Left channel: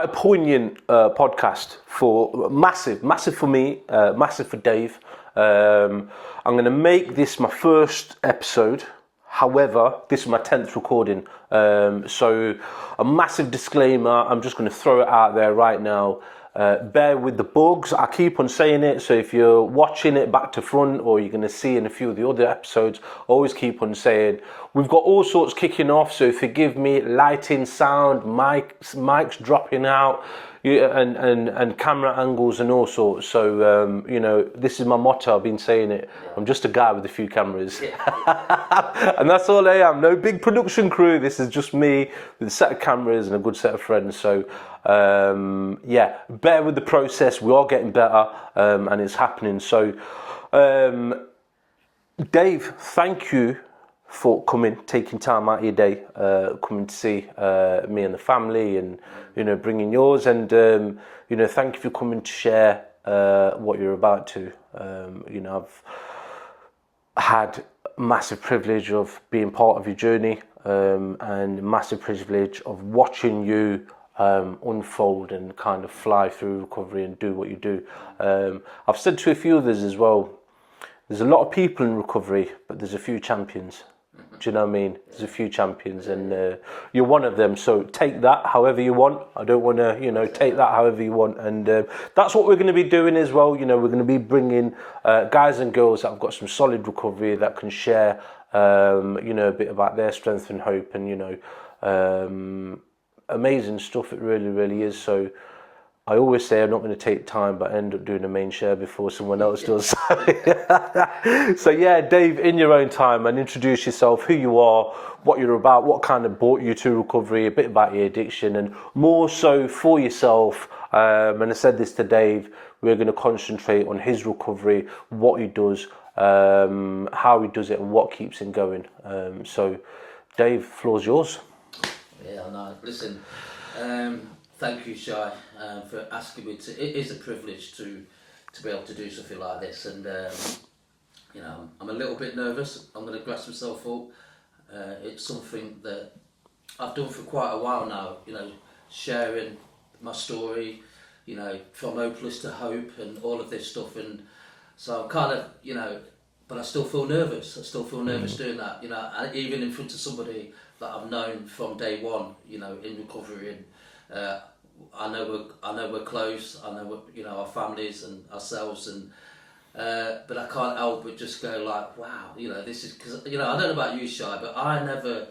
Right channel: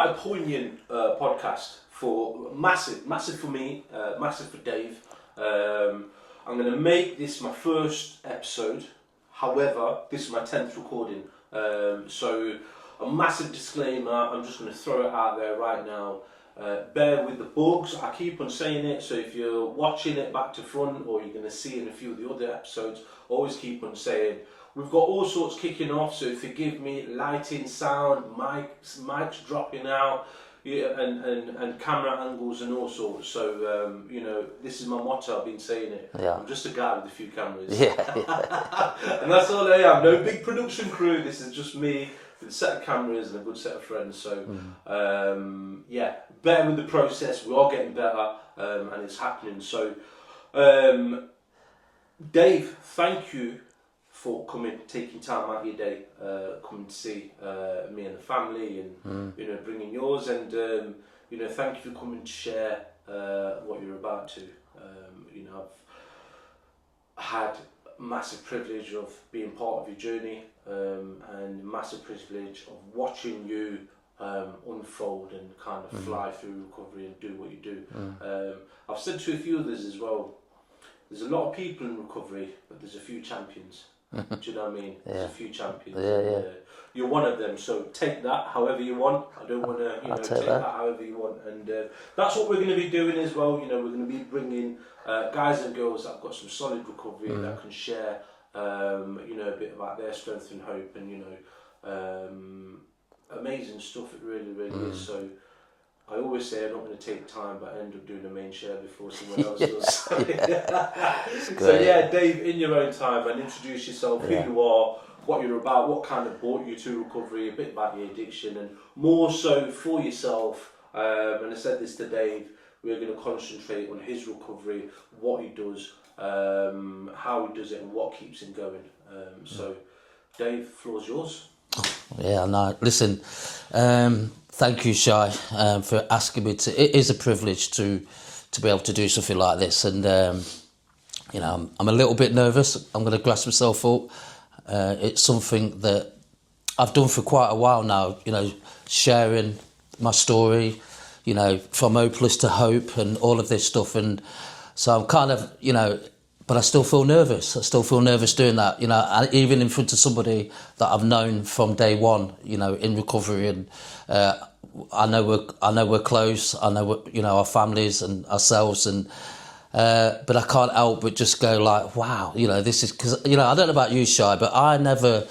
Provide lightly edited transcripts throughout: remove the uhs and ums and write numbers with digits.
quite a poignant podcast for massive for me, massive for Dave. I'm going to make this my first episode. However, this is my 10th recording. So a massive disclaimer, I'm just going to throw it out there right now. Bear with the bugs. I keep on saying it, so if you're watching it back to front or you're going to see in a few of the other episodes, always keep on saying we've got all sorts kicking off, so forgive me, lighting, sound, mics dropping out, and camera angles and all sorts. So this is my motto. I've been saying it. Yeah. I'm just a guy with a few cameras. And that's all I am. No big production crew. This is just me with a set of cameras and a good set of friends. So bear with the process. We are getting better, and it's happening. So Dave, thank you for coming, taking time out of your day, coming to see me and the family, and bringing yours, and thank you for coming to share what you're about to. I've had massive privilege of being part of your journey, and massive privilege of watching you unfold and kind of fly through recovery and do what you do. I've said to a few others as well, there's a lot of people in recovery, but there's a few champions. Do you know what I mean? There's a few champions, and you're one of them. So take that however you want. I don't want to, take that however you want. And that's what we're going to be doing as well. We're going to be bringing guys and girls that have got some solid recovery that can share, a bit about their strength and hope, and amazing stuff. It really, really is. So I always say I'm not going to take time, but I end up doing a main share before someone else does. So Dave, in your own time, and introduce yourself, who you are, what you're about, what kind of brought you to recovery, a bit about your addiction, and more so for yourself. And I said this to Dave, we're going to concentrate on his recovery, what he does, how he does it, and what keeps him going. So Dave, floor's yours. Yeah, no, listen, thank you, Shai, for asking me to. It is a privilege to be able to do something like this, and I'm a little bit nervous. I'm going to grasp myself up. It's something that I've done for quite a while now. Sharing my story, from hopeless to hope, and all of this stuff, and so I'm kind of, but I still feel nervous. I still feel nervous doing that, and even in front of somebody that I've known from day one, in recovery, and I know we're close. I know our families and ourselves, and but I can't help but just go like, wow, this is, because I don't know about you, Shai, but I never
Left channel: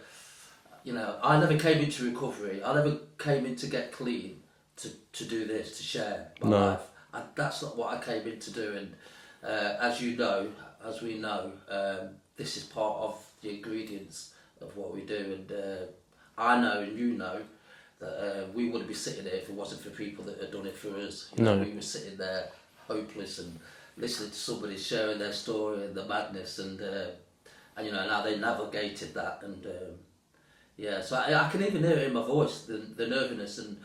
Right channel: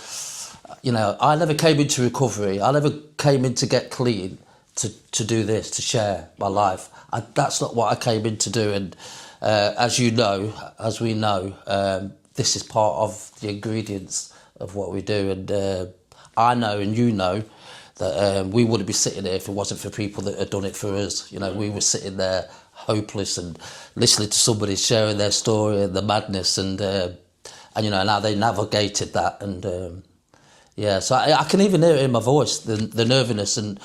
came into recovery. I never came in to get clean to do this, to share my life. That's not what I came in to do, and as we know, this is part of the ingredients of what we do, and I know, and you know, that we wouldn't be sitting here if it wasn't for people that had done it for us. We were sitting there hopeless and listening to somebody sharing their story and the madness, and how they navigated that, and so I can even hear it in my voice, the nervousness, and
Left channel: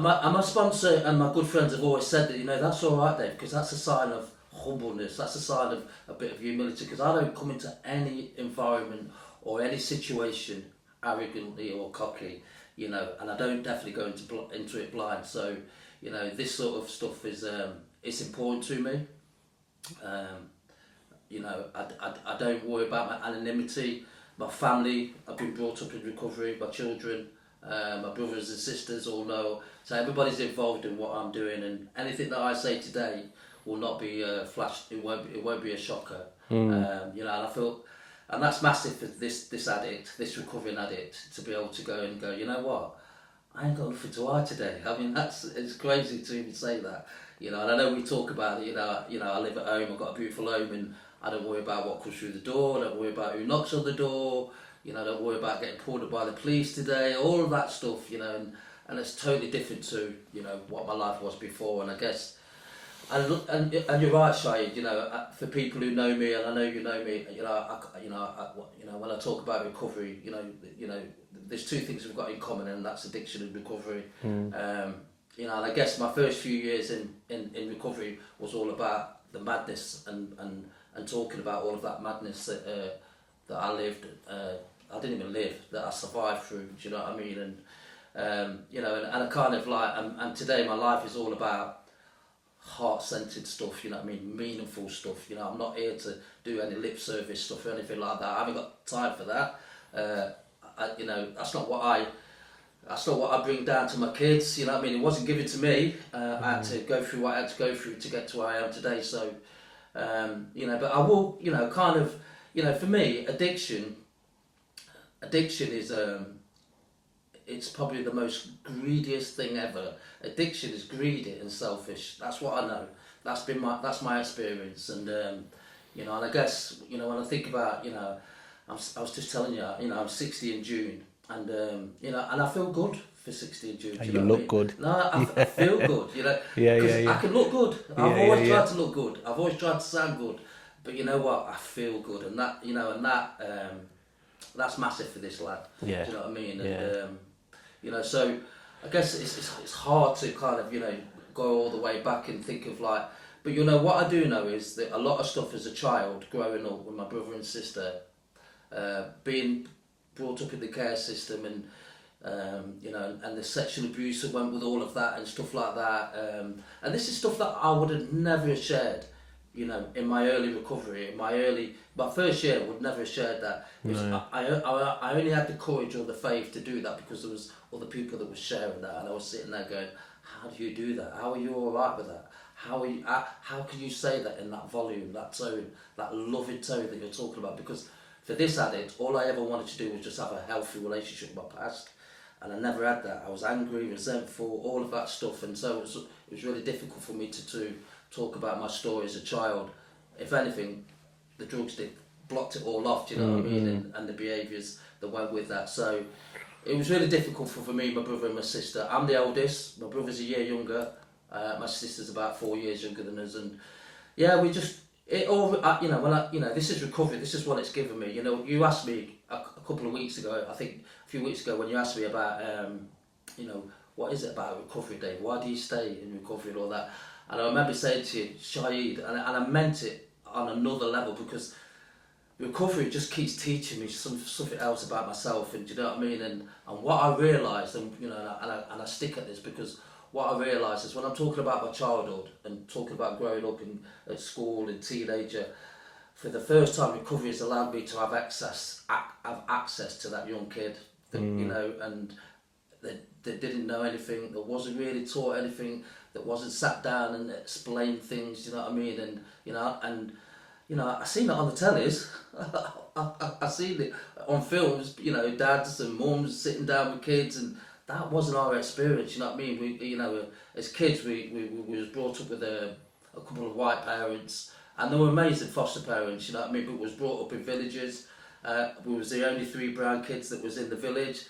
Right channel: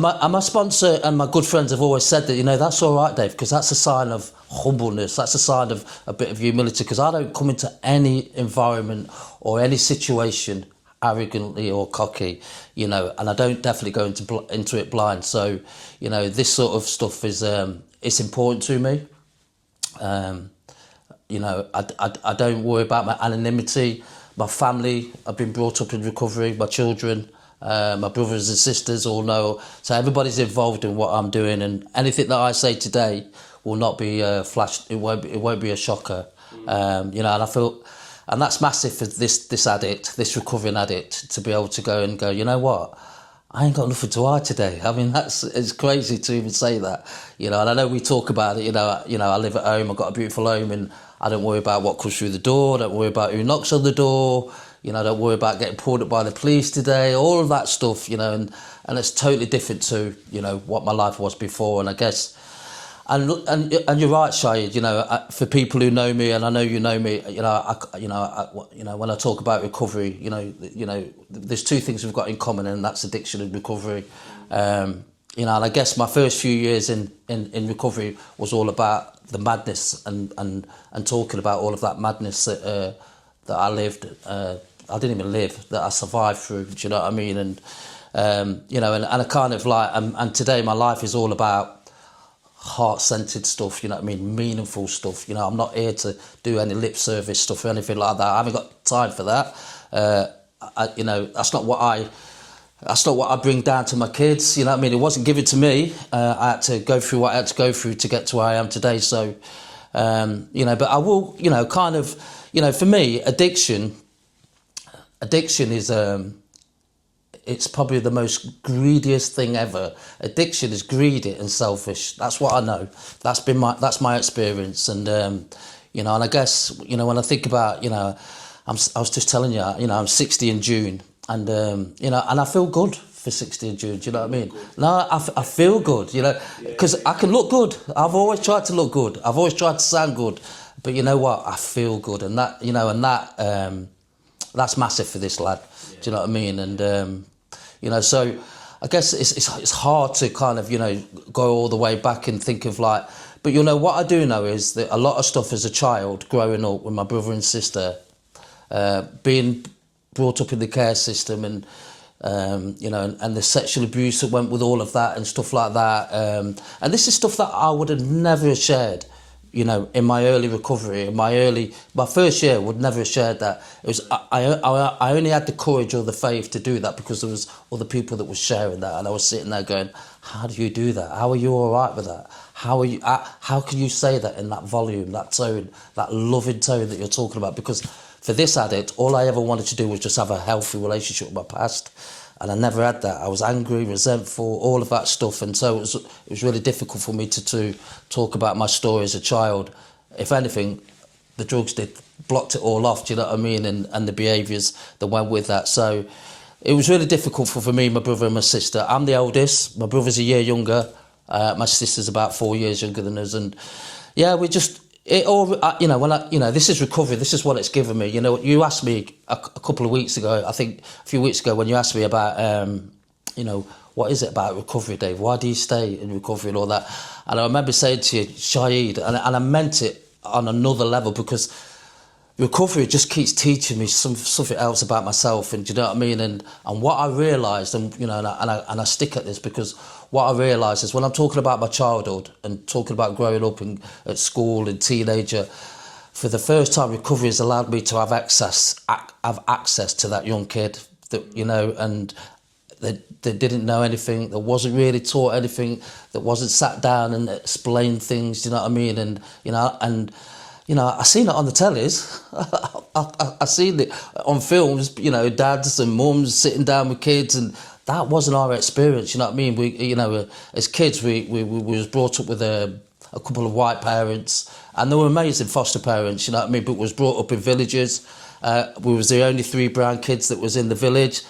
my sponsor and my good friends have always said that, that's all right, Dave, because that's a sign of humbleness, that's a sign of a bit of humility, because I don't come into any environment or any situation arrogantly or cocky, and I don't definitely go into it blind. So, this sort of stuff is it's important to me. I don't worry about my anonymity. My family, I've been brought up in recovery. My children, my brothers and sisters all know. So everybody's involved in what I'm doing, and anything that I say today will not be flashed. It won't be a shocker. And I feel. And that's massive for this addict, this recovering addict, to be able to go, you know what? I ain't got nothing to hide today. I mean, it's crazy to even say that, and I know we talk about it, I live at home, I've got a beautiful home, and I don't worry about what comes through the door, I don't worry about who knocks on the door, I don't worry about getting pulled up by the police today, all of that stuff, and it's totally different to, what my life was before, and I guess. And you're right, Shahid. For people who know me, and I know you know me, when I talk about recovery, there's two things we've got in common, and that's addiction and recovery. And I guess my first few years in recovery was all about the madness and talking about all of that madness that I lived. I didn't even live, that I survived through. Do you know what I mean? And You know, and I kind of like, and today my life is all about heart-centered stuff, you know what I mean, meaningful stuff. You know, I'm not here to do any lip service stuff or anything like that. I haven't got time for that. You know, that's not what I bring down to my kids. You know what I mean? It wasn't given to me. I had to go through what I had to go through to get to where I am today. So, you know, but I will, you know, kind of, you know, for me, addiction is, it's probably the most greediest thing ever. Addiction is greedy and selfish. That's what I know. That's my experience. And, you know, and I guess, you know, when I think about, you know, I was just telling you, you know, I'm 60 in June, and you know, and I feel good for 60 in June. Do you know what I mean? Good. No, I feel good. You know, because I can look good. I've always tried to look good. I've always tried to sound good, but you know what? I feel good, and that, you know, and that that's massive for this lad. Yeah. Do you know what I mean? And you know, so I guess it's hard to kind of, you know, go all the way back and think of like. But you know what I do know is that a lot of stuff as a child growing up with my brother and sister. Being brought up in the care system, and you know, and the sexual abuse that went with all of that and stuff like that, and this is stuff that I would have never shared, you know, in my early recovery, my first year would never have shared that. It was I only had the courage or the faith to do that because there was other people that were sharing that, and I was sitting there going, how do you do that? How are you all right with that? How can you say that in that volume, that tone, that loving tone that you're talking about? Because for this addict, all I ever wanted to do was just have a healthy relationship with my past. And I never had that. I was angry, resentful, all of that stuff. And so it was really difficult for me to talk about my story as a child. If anything, the drugs blocked it all off, do you know what I mean? And the behaviours that went with that. So it was really difficult for me, my brother and my sister. I'm the eldest. My brother's a year younger. My sister's about 4 years younger than us. And yeah, it all, you know, this is recovery. This is what it's given me. You know, you asked me a couple of weeks ago, I think a few weeks ago, when you asked me about, you know, what is it about recovery, Dave? Why do you stay in recovery and all that? And I remember saying to you, Shahid, and I meant it on another level, because recovery just keeps teaching me something else about myself. And do you know what I mean? And what I realised, and you know, and I stick at this, because what I realised is when I'm talking about my childhood and talking about growing up at school and teenager, for the first time, recovery has allowed me to have access to that young kid that, you know, and they didn't know anything, that wasn't really taught anything, that wasn't sat down and explained things, you know what I mean? And, you know, I seen it on the tellies. I seen it on films, you know, dads and mums sitting down with kids, and that wasn't our experience, you know what I mean? We, you know, as kids, we was brought up with a couple of white parents, and they were amazing foster parents, you know what I mean? But was brought up in villages. We was the only 3 brown kids that was in the village.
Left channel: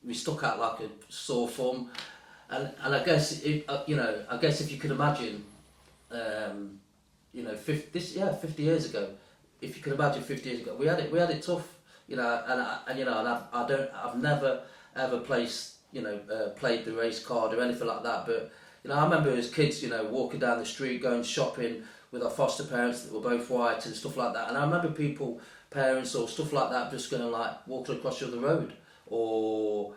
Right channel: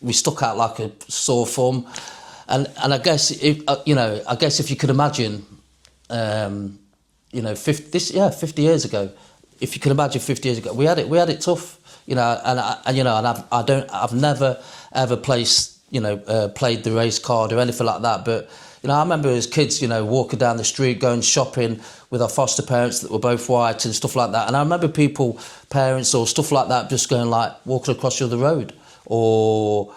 We stuck out like a sore thumb, and I guess if you could imagine, you know, 50 years ago, if you can imagine 50 years ago, we had it tough, you know, and I've never ever played the race card or anything like that, but you know, I remember as kids, you know, walking down the street, going shopping with our foster parents that were both white and stuff like that, and I remember parents or stuff like that, just going like walking across the other road, or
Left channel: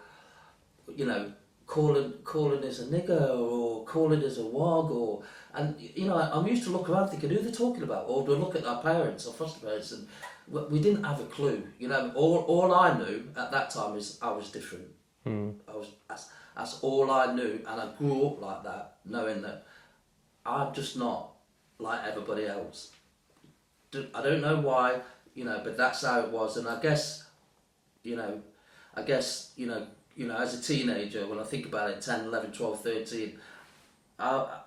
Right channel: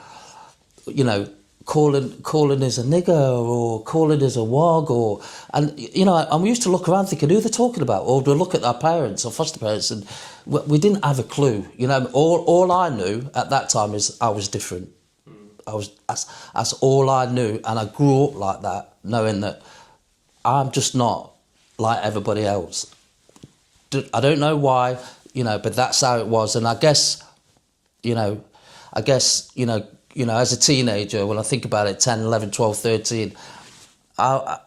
you know, calling us a nigger, or calling us a wog, and you know, and we used to look around thinking who they're talking about, or we'd look at our parents or foster parents, and we didn't have a clue, you know. All I knew at that time is I was different. That's all I knew, and I grew up like that, knowing that I'm just not like everybody else. I don't know why, you know, but that's how it was. And I guess, you know, as a teenager, when I think about it, 10, 11, 12, 13, I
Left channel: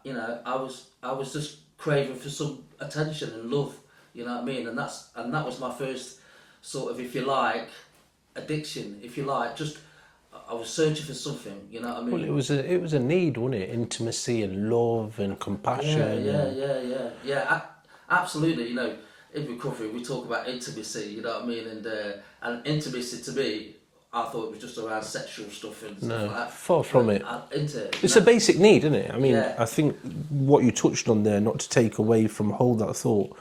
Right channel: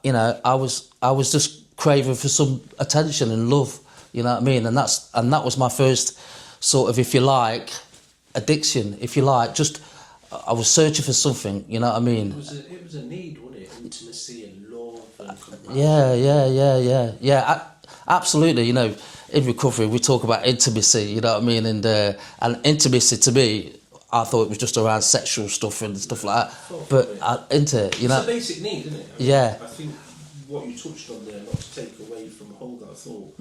was just craving for some attention and love, you know what I mean? And that was my first sort of, if you like, addiction, if you like, just I was searching for something, you know what I mean? Well, it was a need, wasn't it? Intimacy and love and compassion. Yeah. Absolutely. You know, in recovery, we talk about intimacy, you know what I mean? And intimacy to me, I thought it was just around sexual stuff and stuff like that. Far from it. It's a basic need, isn't it? I mean, yeah. I think what you touched on there, not to take away from hold that thought,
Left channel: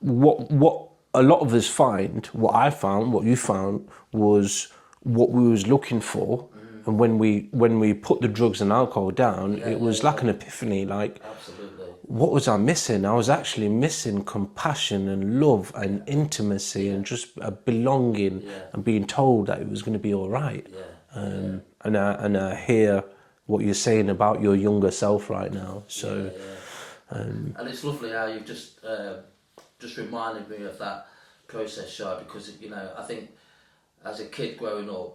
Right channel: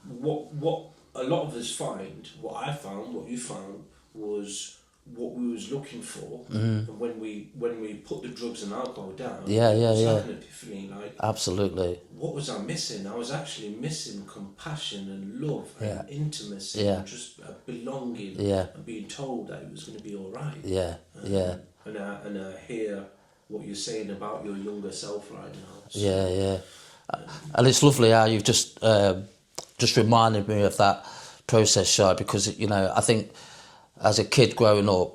what a lot of us find, what I found, what you found, was what we was looking for, and when we put the drugs and alcohol down, it was like an epiphany. Like, absolutely. what was I missing? I was actually missing compassion and love and intimacy and just a belonging and being told that it was going to be all right. And I hear what you're saying about your younger self right now. So, and it's lovely how you've just reminded me of that process, Shai, because, you know, I think as a kid growing up,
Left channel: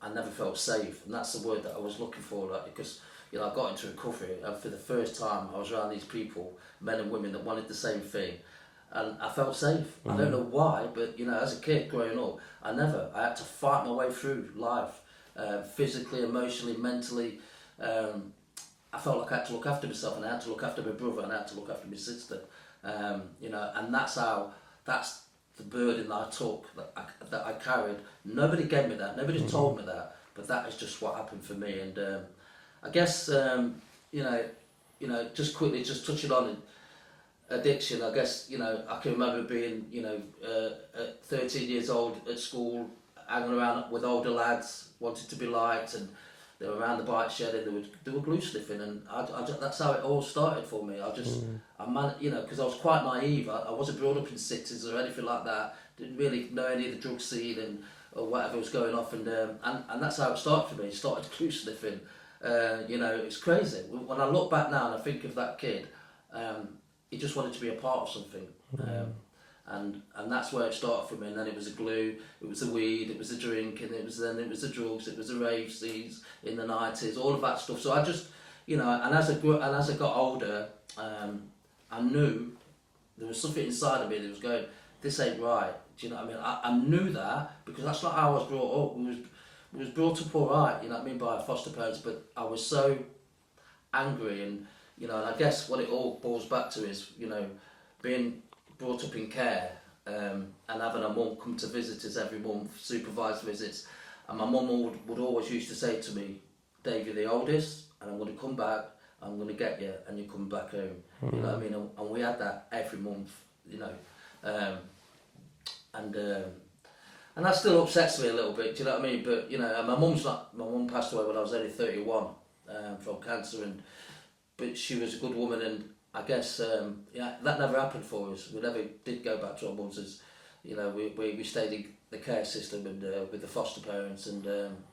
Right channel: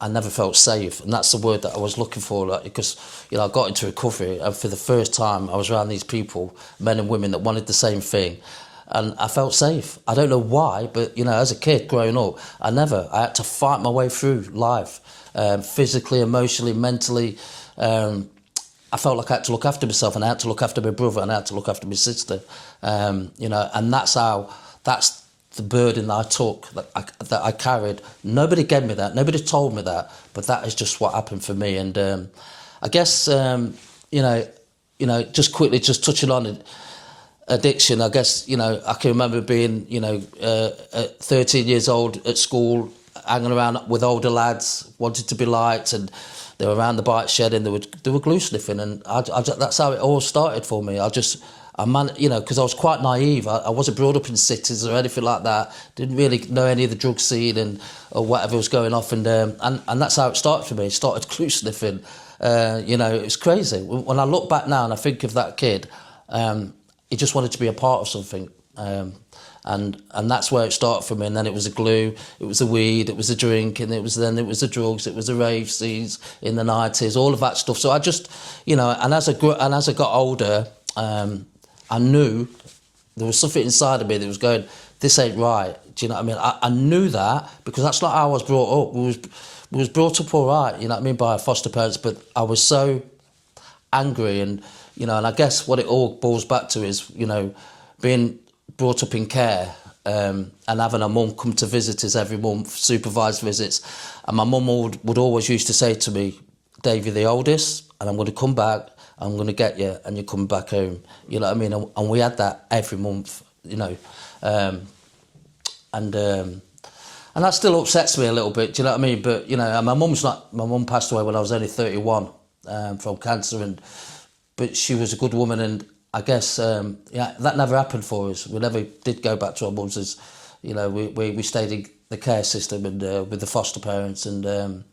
I never felt safe, and that's the word that I was looking for, like, because, you know, I got into recovery, and for the first time I was around these people, men and women, that wanted the same thing, and I felt safe. I don't know why, but, you know, as a kid growing up, I had to fight my way through life, physically, emotionally, mentally. I felt like I had to look after myself, and I had to look after my brother, and I had to look after my sister, you know, and that's the burden that I took, that I carried. Nobody gave me that. Nobody told me that. But that is just what happened for me. And I guess you know, just quickly, just touching on addiction. I guess, you know, I can remember being, you know, 13 years old at school, hanging around with older lads, wanted to be liked, and they were around the bike shed and they were glue sniffing, and that's how it all started for me. You know, because I was quite naive. I wasn't brought up in cities or anything like that. Didn't really know any of the drug scene or whatever was going off, and that's how it started for me. It started glue sniffing. You know, it's crazy. When I look back now and I think of that kid, he just wanted to be a part of something. And that's where it started for me. And then it was the glue, it was the weed, it was the drink, and it was the drugs, it was the rave scenes in the 90s, all of that stuff. So I just, you know, and as I got older, I knew there was something inside of me that was going, this ain't right. Do you know what I mean? I knew that, because that's not how I was brought up. We was brought up all right, you know what I mean, by our foster parents, but I was so angry, and, you know, and I guess what it all boils back to is, you know, being brought up in care, and having a mum come to visit us every month, supervised visits. And my mum would always used to say to me, Dave, you're the oldest, and I'm going to come back, I'm going to get you, and you're coming back home. You know what I mean? And we had that every month, you know. And that still upsets me a little bit, do you know what I mean? But, you know, and my mum passed away when I was only 31 from cancer, but she was a good woman, and I guess that never happened for us. We never did go back to our mums. As you know, we stayed in the care system and with the foster parents, and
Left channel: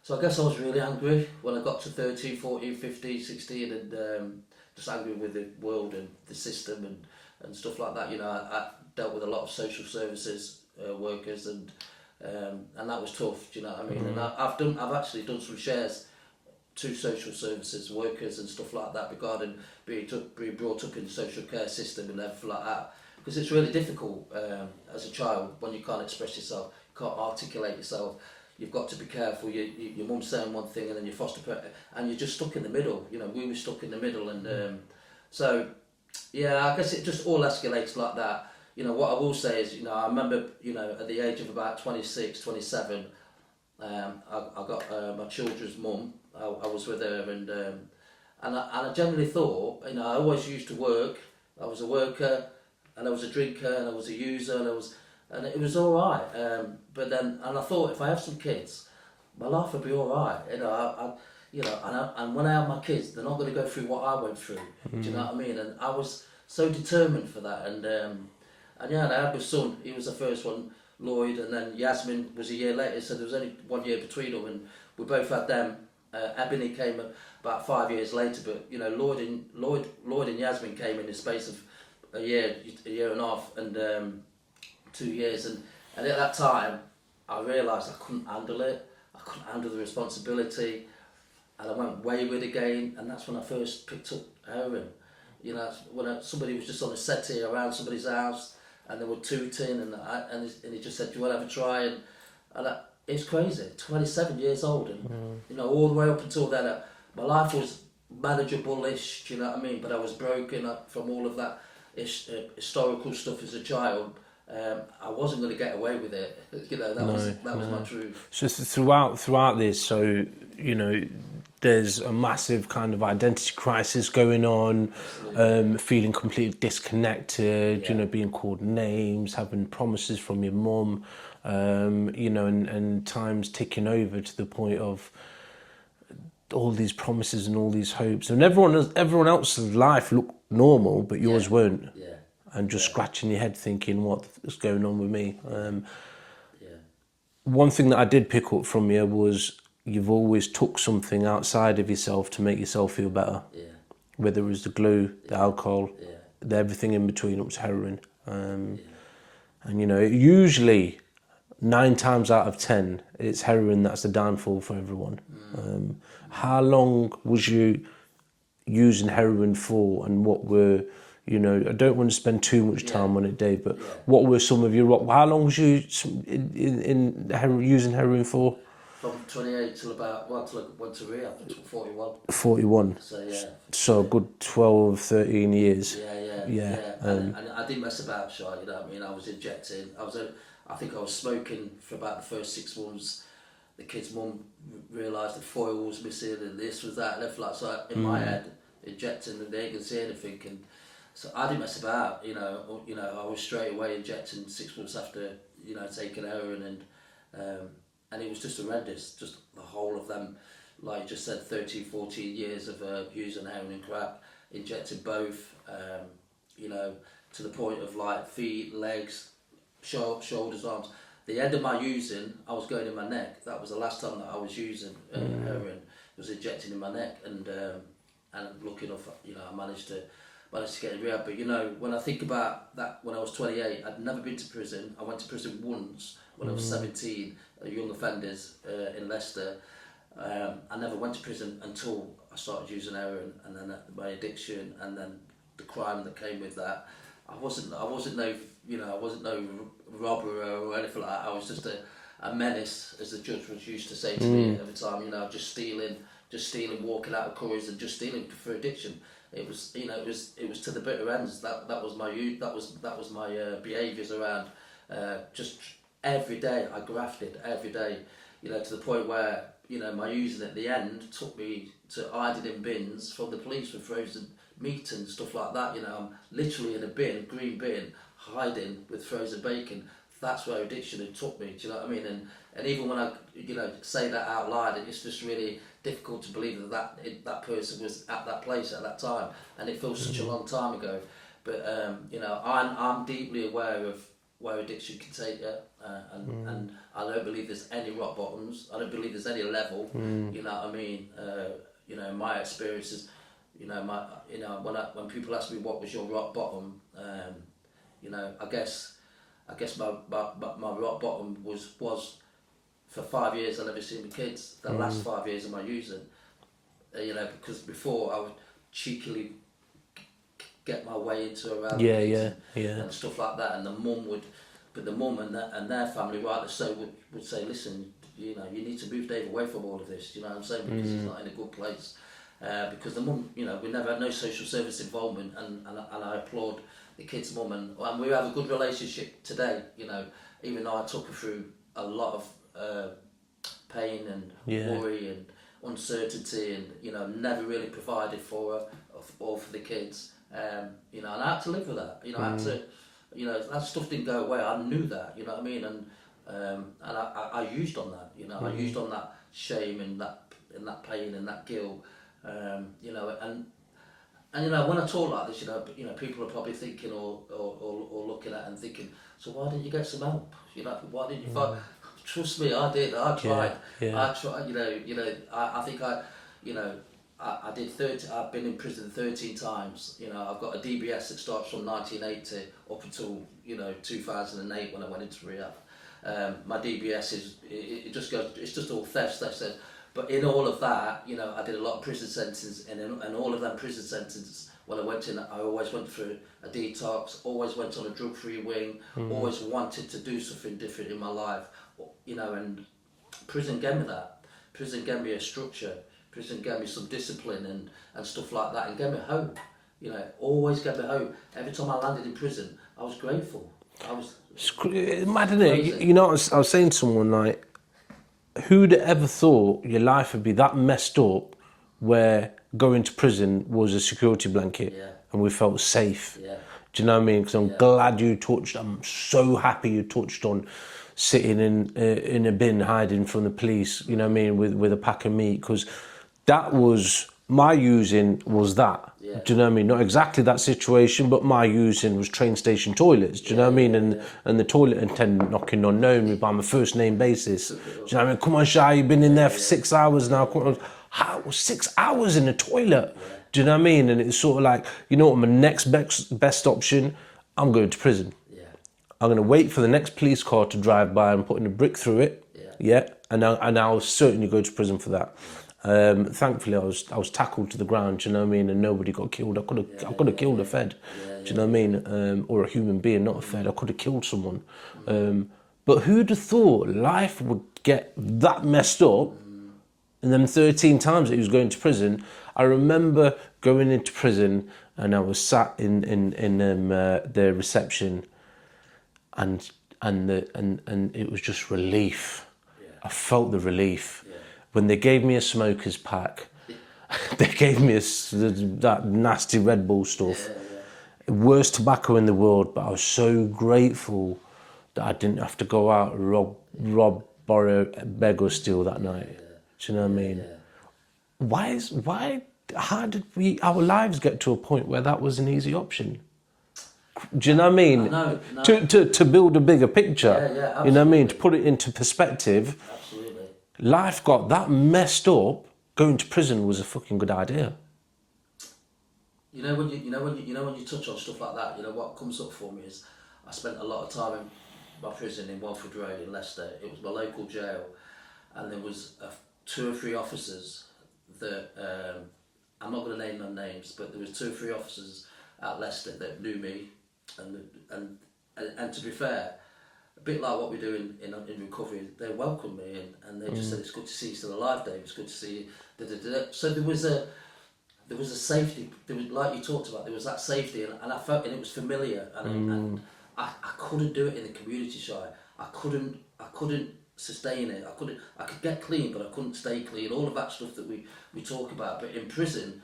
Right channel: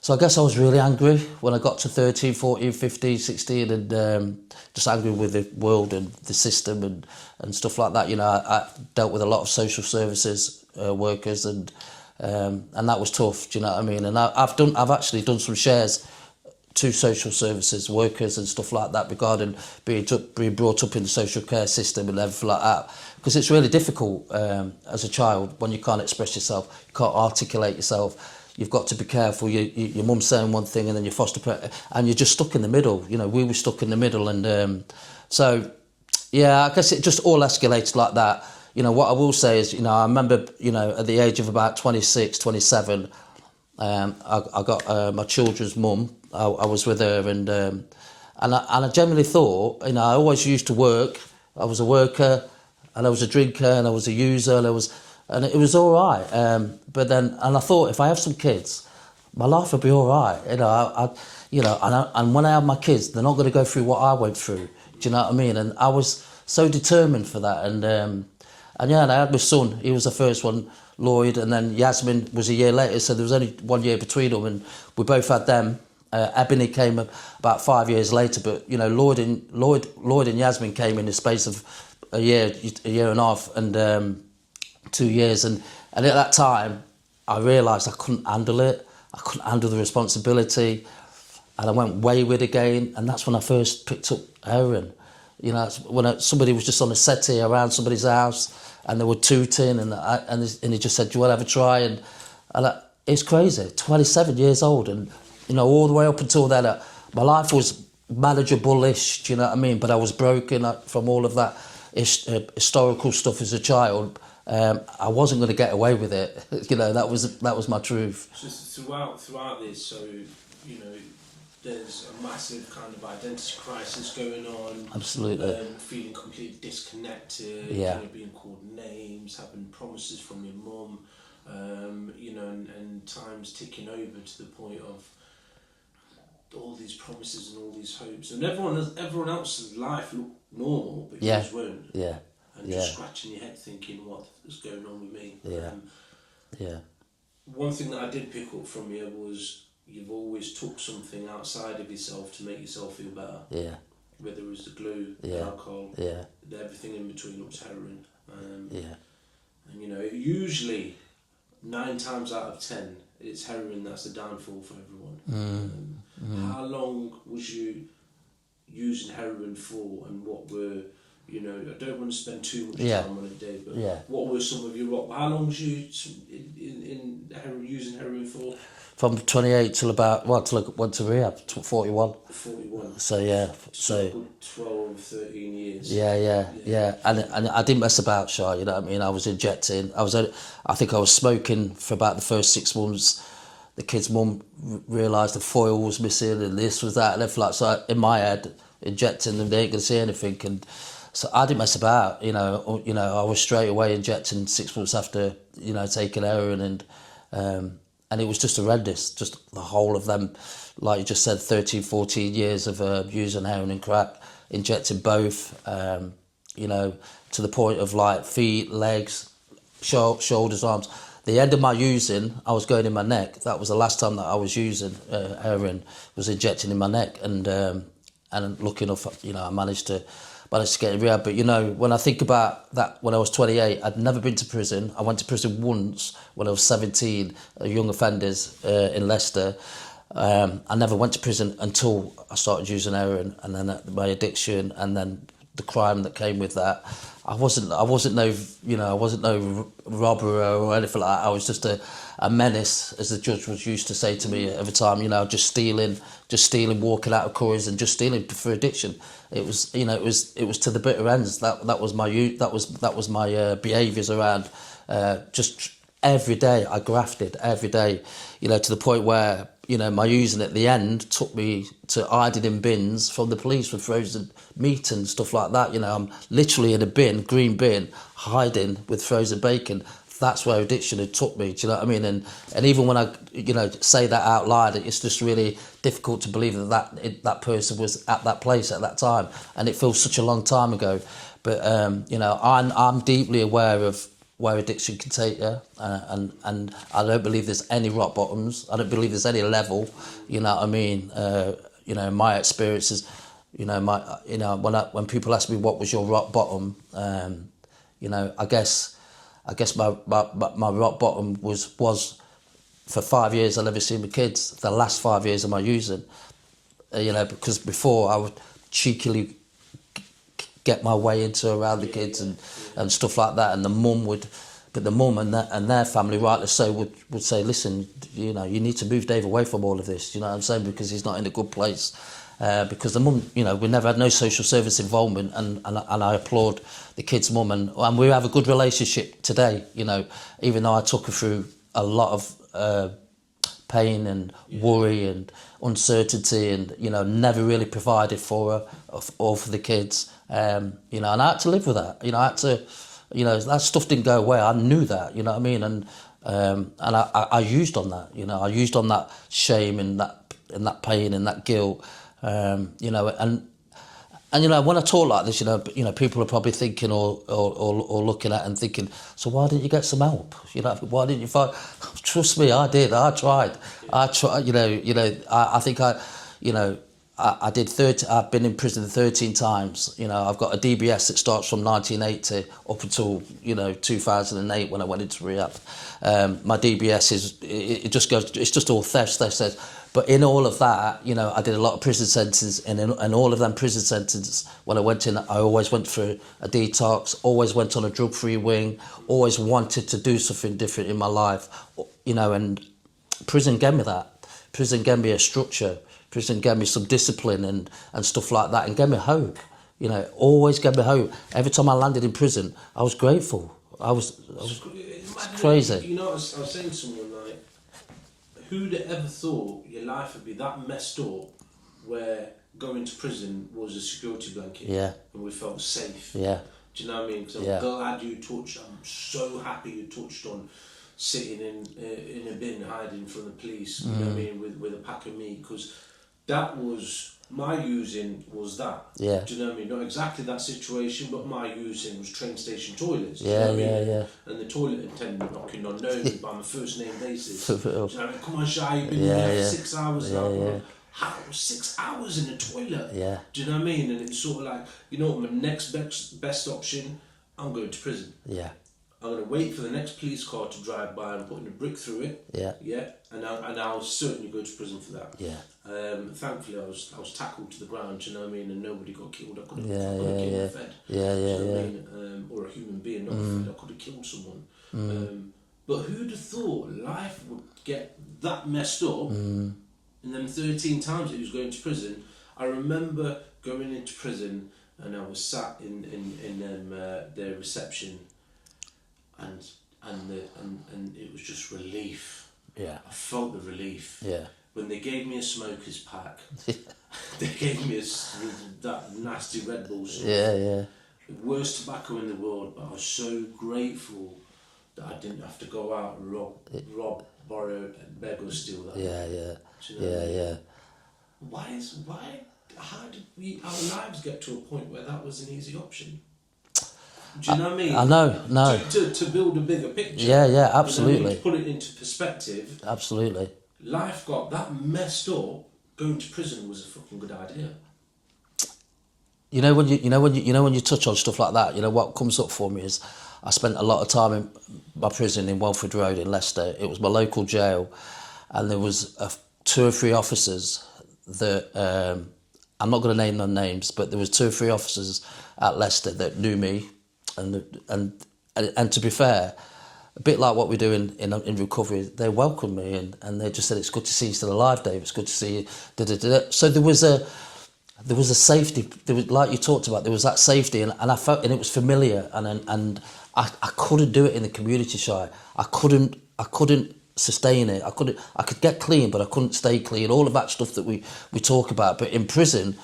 so I guess I was really angry when I got to 13, 14, 15, 16, and just angry with the world and the system and stuff like that. You know, I dealt with a lot of social services workers, and that was tough. Do you know what I mean? And I've actually done some shares to social services workers and stuff like that regarding being brought up in the social care system and everything like that, because it's really difficult as a child when you can't express yourself, you can't articulate yourself. You've got to be careful. Your mum's saying one thing and then your foster parent, and you're just stuck in the middle. You know, we were stuck in the middle, and so yeah, I guess it just all escalated like that. You know, what I will say is, you know, I remember, you know, at the age of about 26, 27, I got my children's mum. I was with her, and I generally thought, you know, I always used to work. I was a worker, and I was a drinker, and I was a user, and it was all right. But then, and I thought, if I have some kids, my life will be all right. You know, and when I have my kids, they're not going to go through what I went through. Do you know what I mean? And I was so determined for that, and yeah, and I had my son. He was the first one, Lloyd, and then Yasmin was a year later. So there was only 1 year between them, and we both had them. Ebony came about 5 years later, but you know, Lloyd and Yasmin came in the space of a year and a half, and 2 years, and at that time, I realised I couldn't handle it. I couldn't handle the responsibility, and I went wayward again. And that's when I first picked up heroin. You know, when somebody was just on a settee around somebody's house, and they were tooting, and he just said, "Do you want to have a try?" And it's crazy. 27 years old, and you know, all the way up until then, my life was manageable-ish. Do you know what I mean? But I was broken up from all of that historical stuff as a child. I wasn't going to get away with it. You know, that was my truth. So throughout this, so you know, there's a massive kind of identity crisis going on. Absolutely. Feeling completely disconnected. You know, being called names, having promises from your mum. you know, and time's ticking over to the point of all these promises and all these hopes, and everyone else's life looked normal, but yours weren't. Yeah. And just scratching your head, thinking, "What's going on with me?" Yeah. One thing that I did pick up from you was you've always took something outside of yourself to make yourself feel better. Yeah. Whether it was the glue, the alcohol, Yeah. everything in between, up to heroin. And you know, usually 9 times out of 10, it's heroin that's the downfall for everyone. How long was you using heroin for, and what were, you know, I don't want to spend too much time on it, Dave, but what were some of your, how long was you using heroin for? From 28 till about, till I went to rehab, 41. 41. So, yeah. So a good 12, 13 years. Yeah. And I didn't mess about, Shy, you know what I mean? I was injecting. I think I was smoking for about the first 6 months. The kid's mum realised the foil was missing and this was that and everything like that. So in my head, injecting them, they ain't going to see anything. And so I didn't mess about, you know. I was straight away injecting 6 months after, you know, taking heroin, and it was just horrendous, just the whole of them, like you just said, 13, 14 years of using heroin and crack, injecting both, you know, to the point of like feet, legs, shoulders, arms. The end of my using, I was going in my neck. That was the last time that I was using heroin, was injecting in my neck. And lucky enough, you know, I managed to get in rehab. But, you know, when I think about that, when I was 28, I'd never been to prison. I went to prison once when I was 17, young offenders in Leicester. I never went to prison until I started using heroin, and then my addiction, and then the crime that came with that. I wasn't no robber or anything like that. I was just a menace, as the judge was used to say to me every time, you know, just stealing, walking out of Curry's and just stealing for addiction. It was, you know, it was to the bitter ends. That was my behaviours around. Just every day I grafted, every day, you know, to the point where, you know, my using at the end took me to hiding in bins from the police with frozen meat and stuff like that. You know, I'm literally in a bin, green bin, hiding with frozen bacon. That's where addiction had took me. Do you know what I mean? And even when I, you know, say that out loud, it's just really difficult to believe that person was at that place at that time, and it feels such a long time ago. But you know, I'm deeply aware of where addiction can take you, and I don't believe there's any rock bottoms. I don't believe there's any level. You know what I mean? You know, my experiences. You know, when people ask me what was your rock bottom, you know, I guess my rock bottom was for 5 years I never seen my kids. The last 5 years of my using, you know, because before I would cheekily get my way into around the kids and stuff like that, and the mum and their family, rightly so, would say, listen, you know, you need to move Dave away from all of this, you know what I'm saying, because he's not in a good place. Because the mum, you know, we never had no social service involvement, and I applaud the kid's mum, and we have a good relationship today, you know, even though I took her through a lot of pain and worry and uncertainty, and, you know, never really provided for her or for the kids. You know, and I had to live with that. You know, I had to, you know, that stuff didn't go away. I knew that, you know what I mean? And I used on that, you know, I used on that shame and that pain and that guilt, you know, and you know, when I talk like this, you know, people are probably thinking or looking at and thinking, so why didn't you get some help? You know, why didn't you find? Trust me, I did. I tried. I tried. You know. I think you know. I did 30. I've been in prison 13 times. You know, I've got a DBS that starts from 1980 up until, you know, 2008 when I went into rehab. My DBS it just goes. It's just all theft. But in all of that, you know, I did a lot of prison sentences, and in all of them prison sentences, when I went in, I always went for a detox, always went on a drug-free wing, always wanted to do something different in my life, you know, and prison gave me that. Prison gave me a structure. Prison gave me some discipline and stuff like that, and gave me hope. You know, always gave me hope. Every time I landed in prison, I was grateful. I was crazy. You know, I was saying to someone, like, who'd ever thought your life would be that messed up where going to prison was a security blanket and we felt safe? Yeah. Do you know what I mean? Because I'm glad you touched, I'm so happy you touched on sitting in a bin hiding from the police, you know what I mean, with a pack of meat, because that was my using was that. Yeah. Do you know what I mean? Not exactly that situation, but my using was train station toilets. Do you know what I mean? And the toilet attendant knocking on, knowing me by my first name basis. Do you know what I mean? Come on, Shai, you've been in there for 6 hours now. Come on. How 6 hours in the toilet? Yeah. Do you know what I mean? And it's sort of like, you know what, my next best option, I'm going to prison. Yeah. I'm going to wait for the next police car to drive by and putting a brick through it. Yeah. Yeah. And I'll certainly go to prison for that. Yeah. Thankfully, I was tackled to the ground. Do you know what I mean? And nobody got killed. I could have killed a Fed. Do you know what I mean? Or a human being, not a Fed. I could have killed someone. But who'd have thought life would get that messed up? And then 13 times that he was going to prison. I remember going into prison and I was sat in the reception, and it was just relief. Yeah. I felt the relief. Yeah. When they gave me a smoker's pack, they gave me that nasty Red Bull stuff. Yeah. Worst tobacco in the world, but I was so grateful that I didn't have to go out and rob, borrow, beg or steal that night. Yeah. Do you know what I mean? Yeah. How did our lives get to a point where that was an easy option? Do you know what I mean? I know, no. To build a bigger picture. Yeah, absolutely. You know what I mean? To put it into perspective. Absolutely. Life got that messed up. Going to prison was a fucking good idea. When you touch on stuff like that, you know what comes up for me is I spent a lot of time in my prison in Welford Road in Leicester. It was my local jail, and there was 2 or 3 officers that I'm not going to name their names, but there was 2 or 3 officers at Leicester that knew me, and to be fair, a bit like what we do in recovery, they welcomed me and they just said, it's good to see you still alive, Dave. It's good to see you. So there was a safety. There was, like you talked about, there was that safety, and I felt, and it was familiar, and I couldn't do it in the community, Shai. I couldn't sustain it. I could get clean, but I couldn't stay clean. All of that stuff that we talk about. But in prison,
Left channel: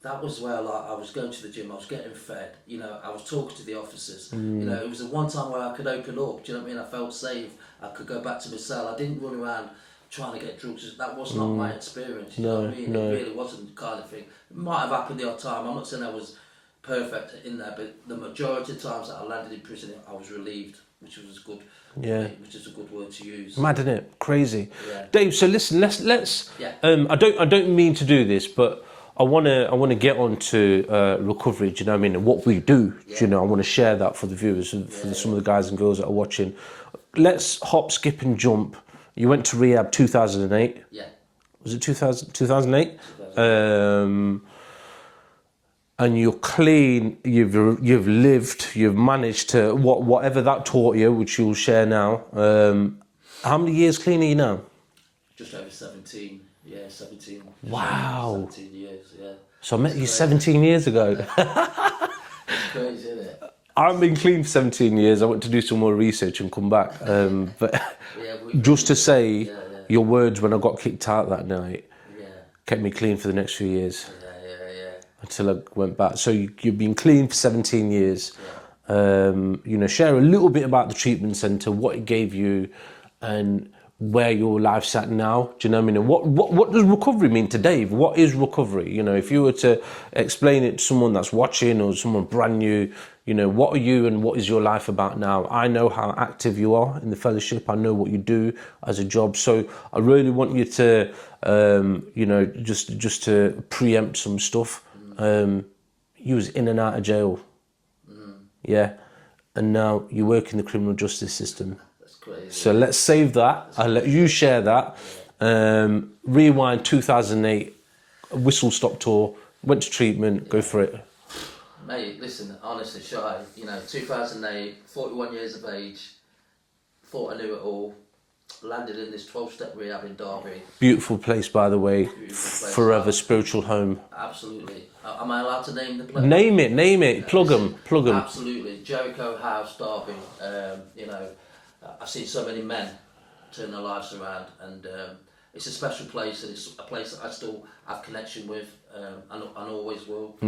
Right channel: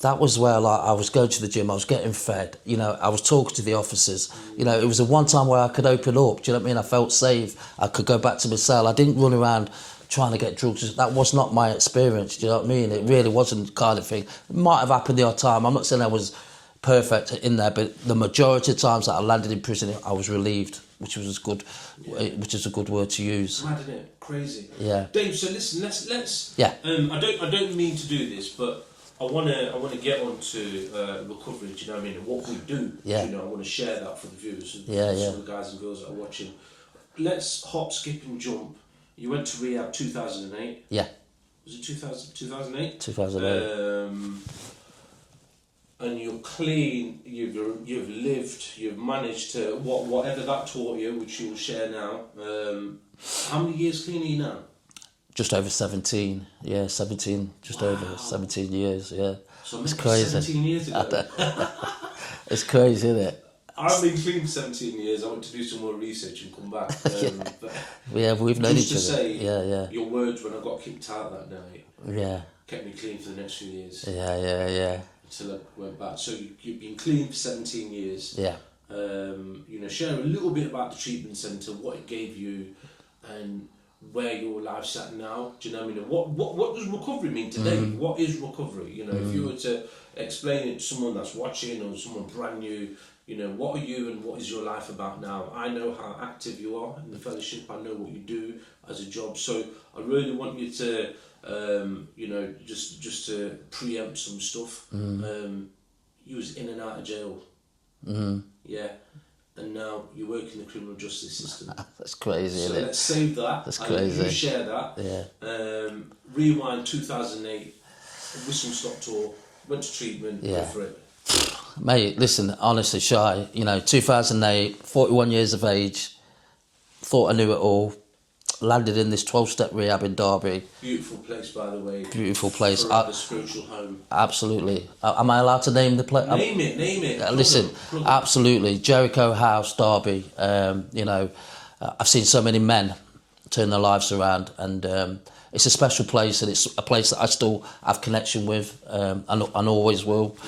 that was where, like, I was going to the gym, I was getting fed, you know, I was talking to the officers. You know, it was the one time where I could open up, do you know what I mean? I felt safe. I could go back to my cell. I didn't run around trying to get drugs. That was not my experience, do you know what I mean? It really wasn't the kind of thing. It might have happened the odd time. I'm not saying I was perfect in there, but the majority of times that I landed in prison, I was relieved, which was good. Which is a good word to use. Mad, isn't it? Crazy. Yeah. Dave, so listen, let's Yeah. I don't mean to do this, but I wanna get on to recovery, do you know what I mean, and what we do. Yeah. Do you know, I want to share that for the viewers, for some of the guys and girls that are watching. Let's hop, skip and jump. You went to rehab 2008. Yeah. Was it 2008? 2008. And you're clean. You've lived. You've managed to whatever that taught you, which you'll share now. How many years clean are you now? Just over 17. Yeah, 17. Just Wow. over 17 years, yeah. So I met It's you crazy. 17 years ago. It's crazy, isn't it? I've been clean for 17 years. I went to do some more research and come back. But Yeah, we've known just to each other. say, Yeah. your words when I got kicked out that night Yeah. kept me clean for the next few years Yeah. until I went back. So you've been clean for 17 years. Yeah. You know, share a little bit about the treatment centre, what it gave you, and where your life's at now. Do you know what I mean? And what does recovery mean to Dave? What is recovery? You know, if you were to explain it to someone that's watching or someone brand new, you know, what are you and what is your life about now? I know how active you are in the fellowship. I know what you do as a job. So I really want you to, you know, just to preempt some stuff. You was in and out of jail. Yeah. And now you work in the criminal justice system. That's crazy. So let's save that. I'll let you share that. Yeah. Rewind 2008, whistle stop tour, went to treatment, go for it. Mate, listen, honestly, Shai, you know, 2008, 41 years of age, thought I knew it all, landed in this 12-step rehab in Derby. Beautiful place, by the way. Beautiful place. Forever spiritual home. Absolutely. Am I allowed to name the place? Name it. Plug them. Absolutely. Jericho House, Derby. You know, I've seen so many men turn their lives around, and it's a special place, and it's a place that I still have connection with, and always will.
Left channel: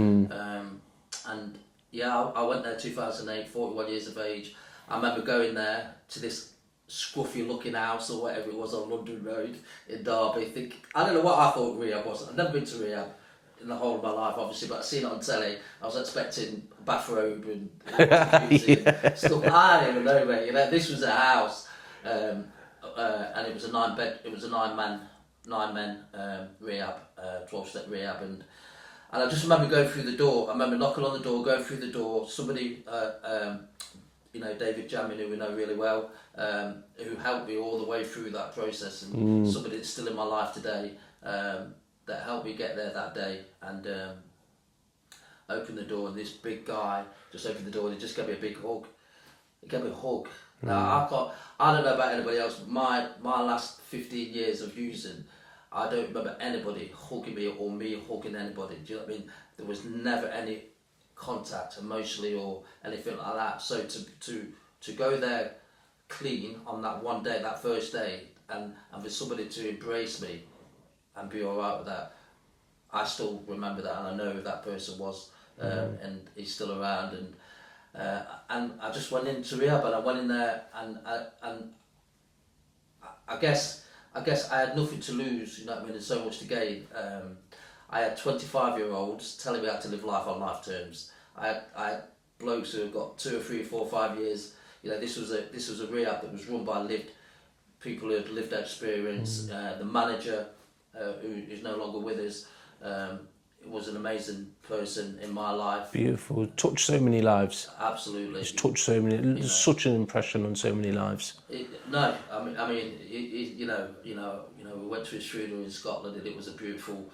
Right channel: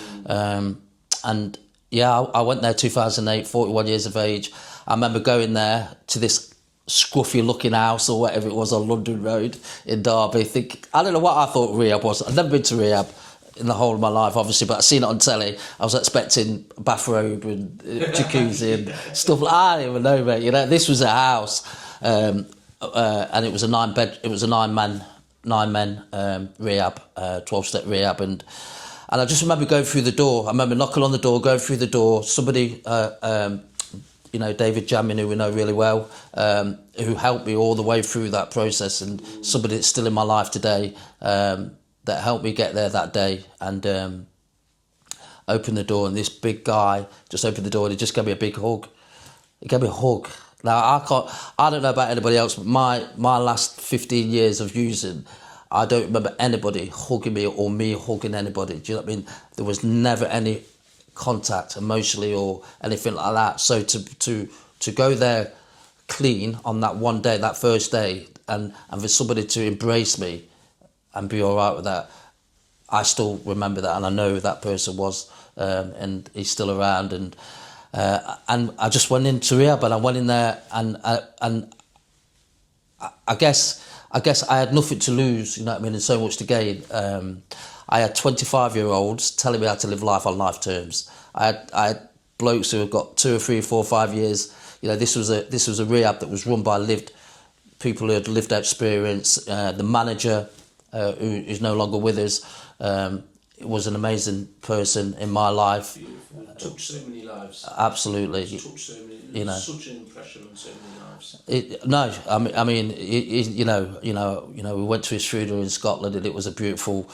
And yeah, I went there 2008, 41 years of age. I remember going there to this scruffy looking house or whatever it was on London Road in Derby. I don't know what I thought rehab was. I'd never been to rehab in the whole of my life, obviously, but I seen it on telly. I was expecting a bathrobe and jacuzzi and stuff. I don't even know, mate. You know, this was a house, and it was a 9-man rehab, 12-step rehab, and I just remember going through the door. I remember knocking on the door, going through the door. Somebody, you know, David Jamin, who we know really well, who helped me all the way through that process, and somebody that's still in my life today, that helped me get there that day, and opened the door, and this big guy just opened the door and he just gave me a big hug. He gave me a hug. Now, I don't know about anybody else, but my last 15 years of using, I don't remember anybody hugging me or me hugging anybody. Do you know what I mean? There was never any contact emotionally or anything like that. So to go there clean on that one day, that first day, and for somebody to embrace me and be all right with that, I still remember that, and I know who that person was, and he's still around, and I just went into rehab, and I went in there, and I guess I had nothing to lose, you know what I mean, and so much to gain. I had 25-year-olds telling me how to live life on life terms. I had blokes who had got 2 or 3, 4, 5 years. You know, this was a rehab that was run by people who had lived experience. The manager, who is no longer with us, was an amazing person in my life. Beautiful. Touched so many lives. Absolutely. Touched so many. Such an impression on so many lives. I mean, you know, we went to his funeral in Scotland, and it was a beautiful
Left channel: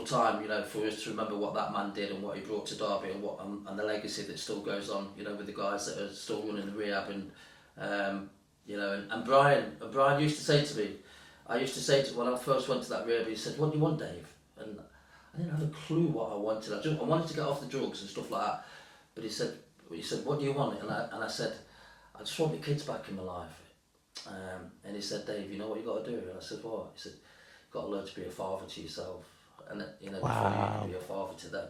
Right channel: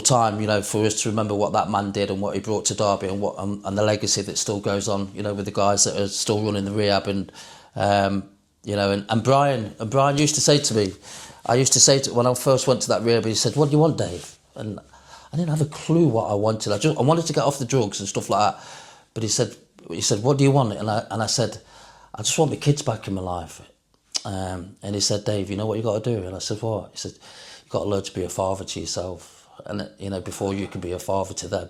time, you know, for us to remember what that man did and what he brought to Derby, and and the legacy that still goes on, you know, with the guys that are still running the rehab, and you know, and Brian used to say to me, when I first went to that rehab, he said, "What do you want, Dave?" And I didn't have a clue what I wanted. I wanted to get off the drugs and stuff like that. But he said, "What do you want?" And I said, "I just want my kids back in my life." And he said, "Dave, you know what you got to do?" And I said, "What?" He said, "You've got to learn to be a father to yourself, and you know, before you can be a father to them."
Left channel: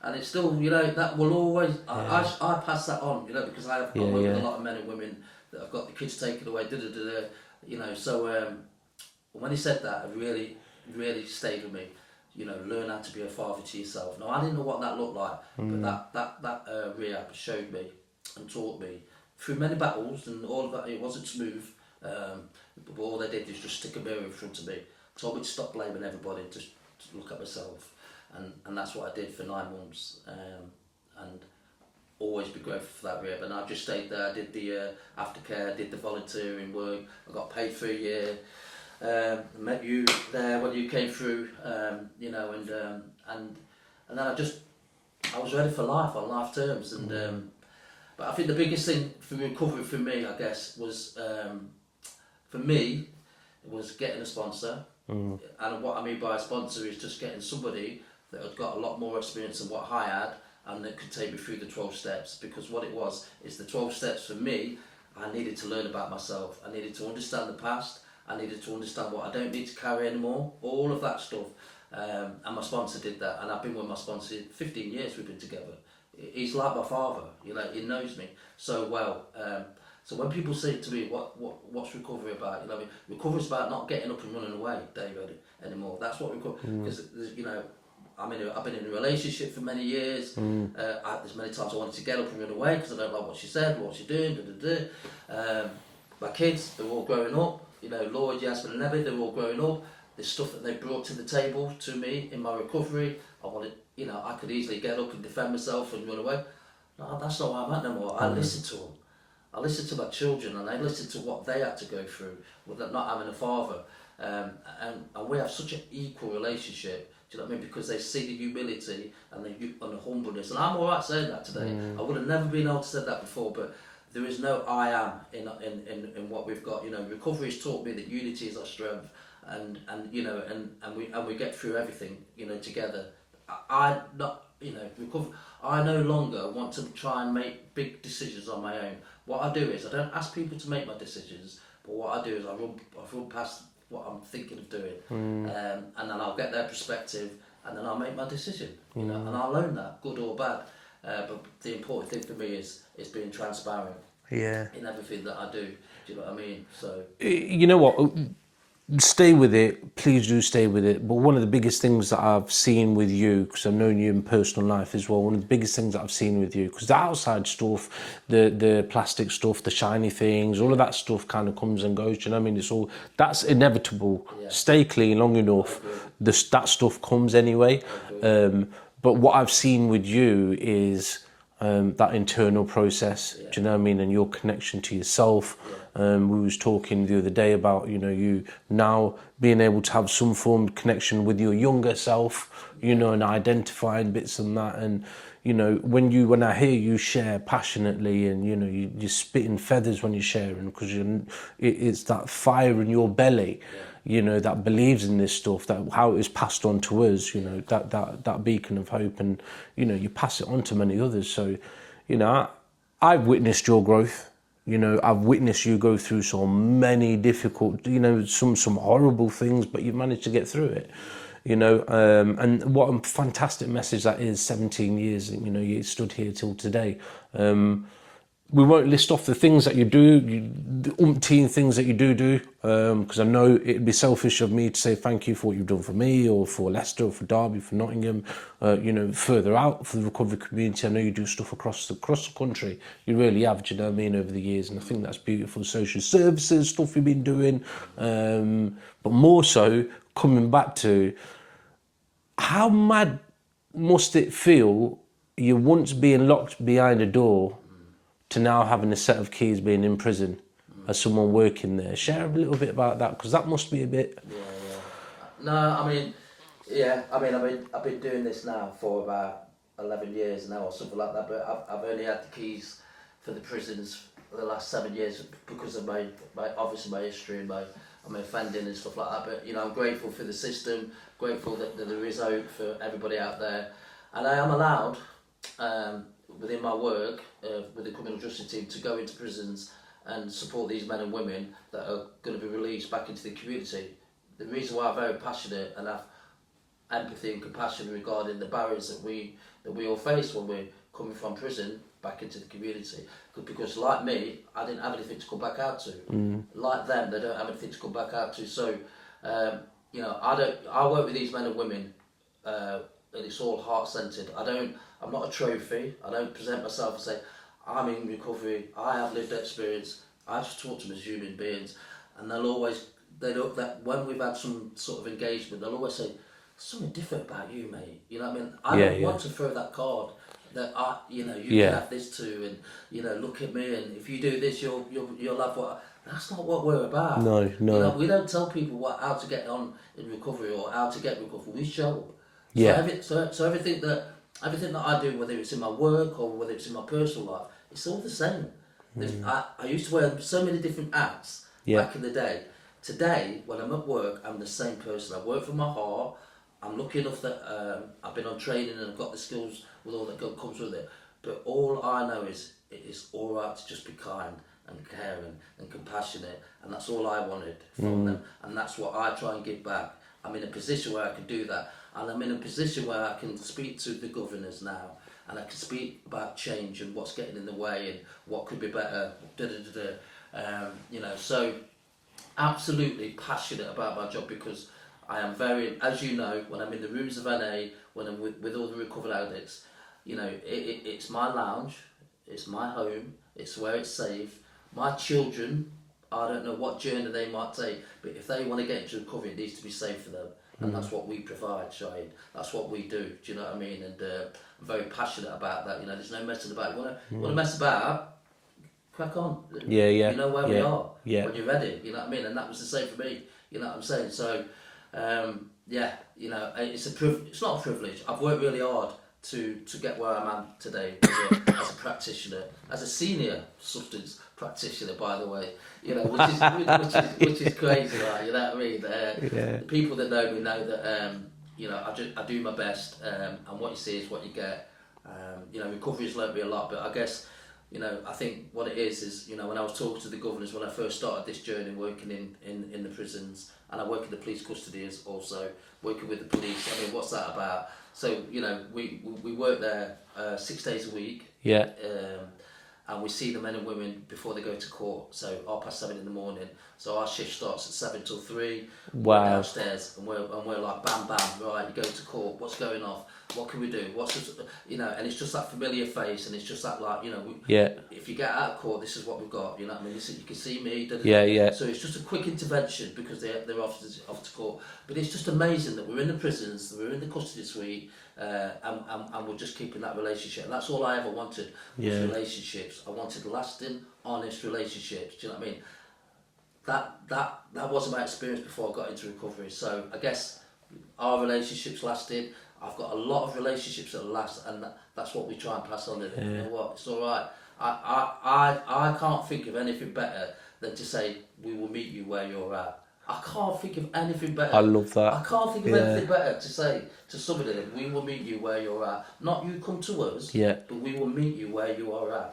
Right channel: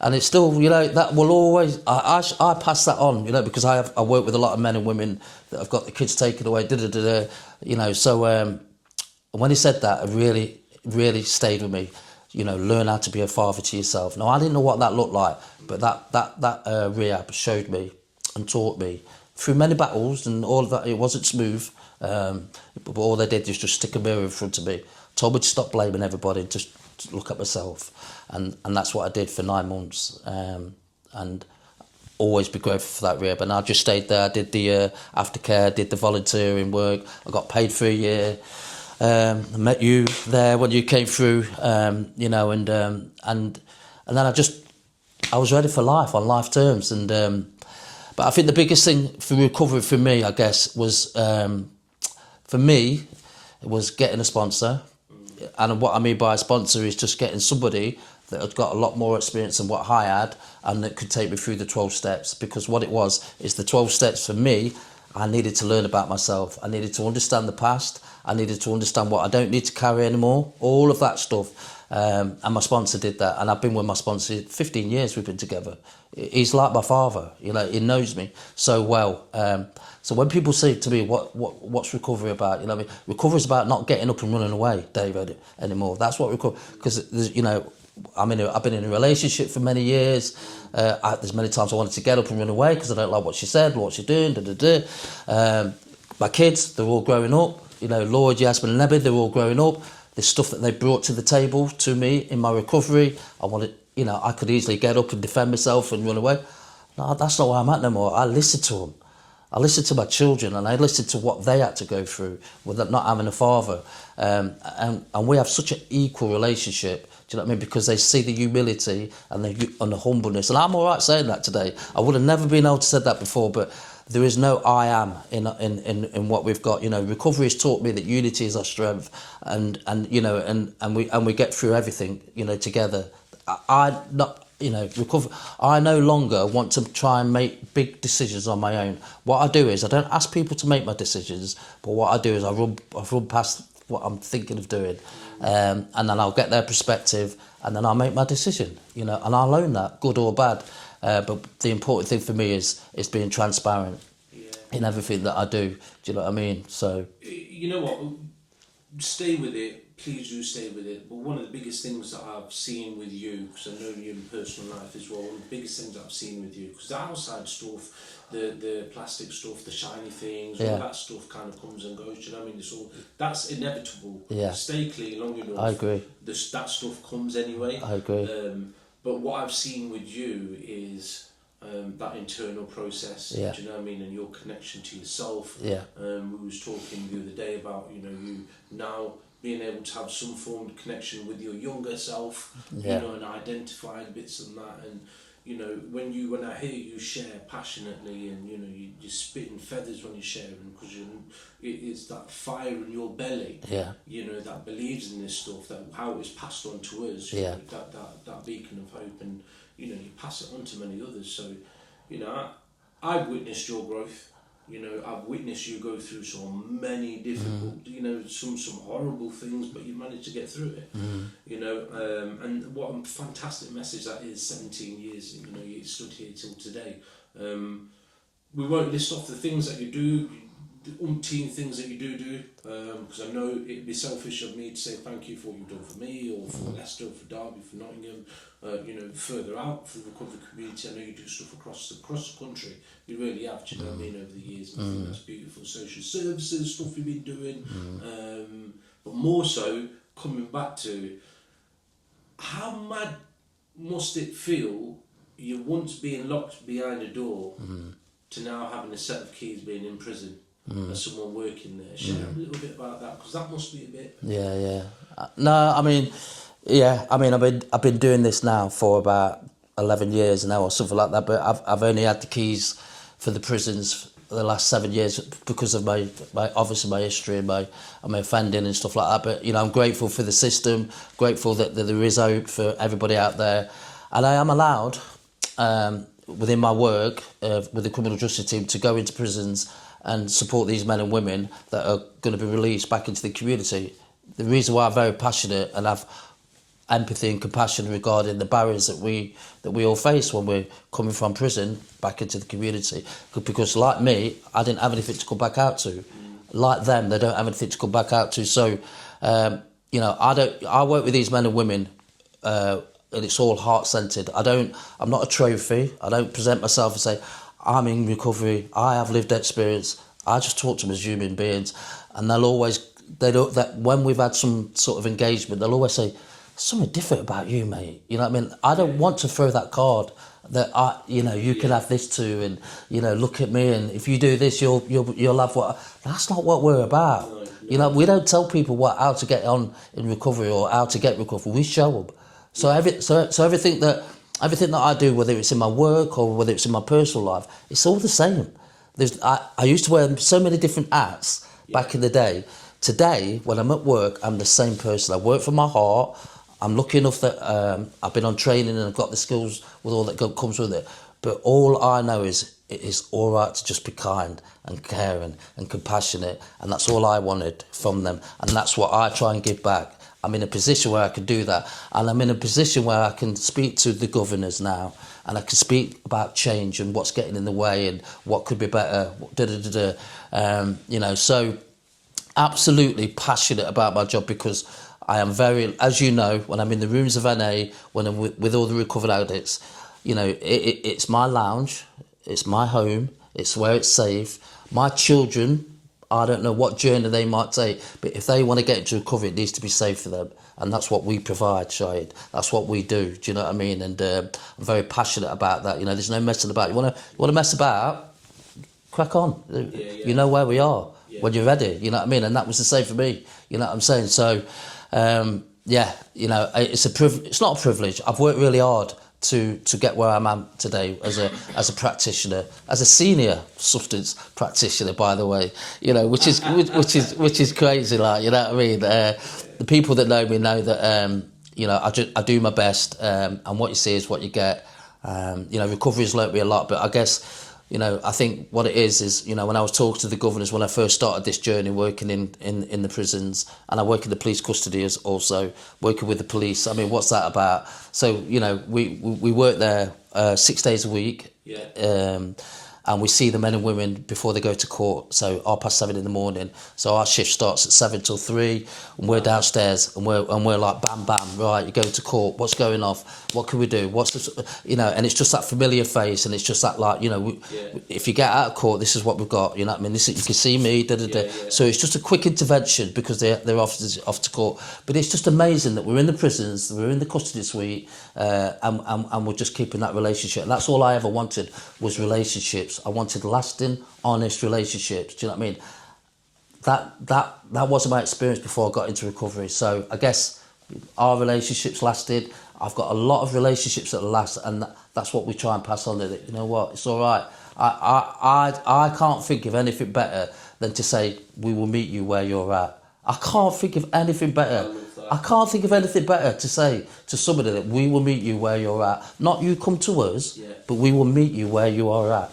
And it's still, you know, that will always. I pass that on, you know, because I work with a lot of men and women that have got the kids taken away. You know, so when he said that, it really stayed with me. You know, learn how to be a father to yourself. Now, I didn't know what that looked like, but that rehab showed me and taught me through many battles and all of that. It wasn't smooth, but all they did was just stick a mirror in front of me, told me to stop blaming everybody and just to look at myself, and that's what I did for 9 months, and always be grateful for that rehab. And I just stayed there. I did the aftercare, did the volunteering work. I got paid for a year. I met you there when you came through, you know, and then I was ready for life on life terms, and but I think the biggest thing for recovery for me, I guess, was for me, it was getting a sponsor, and what I mean by a sponsor is just getting somebody that had got a lot more experience than what I had, and that could take me through the 12 steps, because what it was is the 12 steps for me. I needed to learn about myself. I needed to understand the past. I needed to understand what I don't need to carry anymore, all of that stuff. And my sponsor did that. And I've been with my sponsor 15 years, we've been together. He's like my father, you know, he knows me so well. So when people say to me, what's recovery about? You know what I mean? Recovery is about not getting up and running away, David, anymore. That's what recovery, because, you know, I've been in a relationship for many years. There's many times I wanted to get up and run away because I don't like what she said, what she's doing, my kids, they're all growing up. You know, Lloyd, Yasmin and Nebby, they're all growing up. There's stuff that they brought to the table to me in my recovery. I could easily get up and defend myself and run away. No, that's not where I'm at no more. I listen to them. I listen to my children, and I listen to what they had to go through with not having a father. And we have such an equal relationship. Do you know what I mean? Because they see the humility and the humbleness. And I'm all right saying that today. I would have never been able to say that before, but there is no I am in what we've got. You know, recovery has taught me that unity is our strength, and you know, and we get through everything, you know, together. Recover. I no longer want to try and make big decisions on my own. What I do is I don't ask people to make my decisions, but what I do is I run past what I'm thinking of doing, and then I'll get their perspective, and then I'll make my decision, you know, and I'll own that, good or bad. But the important thing for me is being transparent, Yeah. in everything that I do. Do you know what I mean? So You know what? Stay with it. Please do stay with it. But one of the biggest things that I've seen with you, because I've known you in personal life as well, one of the biggest things that I've seen with you, because the outside stuff, the plastic stuff, the shiny things, all of that stuff kind of comes and goes. Do you know what I mean? It's all, that's inevitable. Yeah. Stay clean long enough. I agree. That stuff comes anyway. I agree. But what I've seen with you is that internal process. Yeah. Do you know what I mean? And your connection to yourself. Yeah. We was talking the other day about, you know, you now being able to have some form of connection with your younger self, you know, and identifying bits and that. And, you know, when I hear you share passionately, and, you know, you're spitting feathers when you're sharing, because it's that fire in your belly, you know, that believes in this stuff, that how it is passed on to us, you know, that beacon of hope, and, you know, you pass it on to many others. So, you know, I've witnessed your growth. You know, I've witnessed you go through so many difficult, you know, some horrible things, but you've managed to get through it. You know, and what a fantastic message that is. 17 years, you know, you stood here till today. We won't list off the things that you do, the umpteen things that you do, because I know it'd be selfish of me to say thank you for what you've done for me, or for Leicester, or for Derby, for Nottingham, you know, further out for the recovery community. I know you do stuff across the country. You really have, do you know what I mean, over the years, and I think that's beautiful. Social services, stuff you've been doing, but more so, coming back to, how mad must it feel, you once being locked behind a door, to now having a set of keys, being in prison as someone working there. Share a little bit about that, because that must be a bit... Yeah. No, I mean, I've been doing this now for about 11 years now, or something like that, but I've only had the keys for the prisons for the last 7 years because of my obviously my history and my offending and stuff like that. But, you know, I'm grateful for the system, grateful that there is hope for everybody out there. And I am allowed, within my work with the criminal justice team, to go into prisons and support these men and women that are going to be released back into the community. The reason why I'm very passionate and have empathy and compassion regarding the barriers that we all face when we're coming from prison back into the community, because like me, I didn't have anything to come back out to. Like them, they don't have anything to come back out to. So, you know, I work with these men and women, and it's all heart-centred. I'm not a trophy. I don't present myself and say, I'm in recovery, I have lived experience. I just talk to them as human beings. And that when we've had some sort of engagement, they'll always say, something different about you, mate. You know what I mean? I don't want to throw that card that you can have this too, and, you know, look at me, and if you do this, you'll have what. That's not what we're about. No. You know, we don't tell people how to get on in recovery or how to get recovery. We show them. So everything that I do, whether it's in my work or whether it's in my personal life, it's all the same. I used to wear so many different hats back in the day. Today, when I'm at work, I'm the same person. I work from my heart. I'm lucky enough that I've been on training and I've got the skills with all that comes with it. But all I know is it is all right to just be kind and caring and compassionate, and that's all I wanted from them, and that's what I try and give back. I'm in a position where I can do that, and I'm in a position where I can speak to the governors now, and I can speak about change and what's getting in the way and what could be better. You know, so absolutely passionate about my job, because I am very, as you know, when I'm in the rooms of NA, when I'm with all the recovered addicts, you know, it's my lounge, it's my home, it's where it's safe. My children, I don't know what journey they might take, but if they want to get into recovery, it needs to be safe for them. And that's what we provide, Shahid. That's what we do. Do you know what I mean? And I'm very passionate about that. You know, there's no messing about. You want to mess about? Crack on. Yeah. You know where we are when you're ready. You know what I mean? And that was the same for me. You know what I'm saying? So, you know, it's not a privilege. I've worked really hard to get where I'm at today as a practitioner, as a senior substance practitioner, by the way. You know, which is crazy. Like, you know what I mean? The people that know me know that you know, I do my best, and what you see is what you get. You know, recovery has learnt me a lot, but I guess, you know, I think what it is, you know, when I was talking to the governors when I first started this journey working in the prisons, and I work in the police custody as also, working with the police. I mean, what's that about? So, you know, we work there 6 days a week. and we see the men and women before they go to court. So 7:30 in the morning. So our shift starts at 7 till 3. We're downstairs and we're like bam bam, right, you're going to court, what's going off, what can we do, what's this, and it's just that familiar face, and it's just that, like, if you get out of court, this is what we've got, you know what I mean, this, you can see me, da, da, da. So it's just a quick intervention because they're off to court. But it's just amazing that we're in the prisons, we're in the custody suite, and we're just keeping that relationship. And that's all I ever wanted was relationships. I wanted lasting, honest relationships. Do you know what I mean? That wasn't my experience before I got into recovery. So I guess our relationships lasted. I've got a lot of relationships that last, and that's what we try and pass on. You know what? It's all right. I can't think of anything better than to say we will meet you where you're at. I can't think of anything better. I love that. I can't think of anything better to say to somebody that we will meet you where you're at. Not you come to us, but we will meet you where you are at.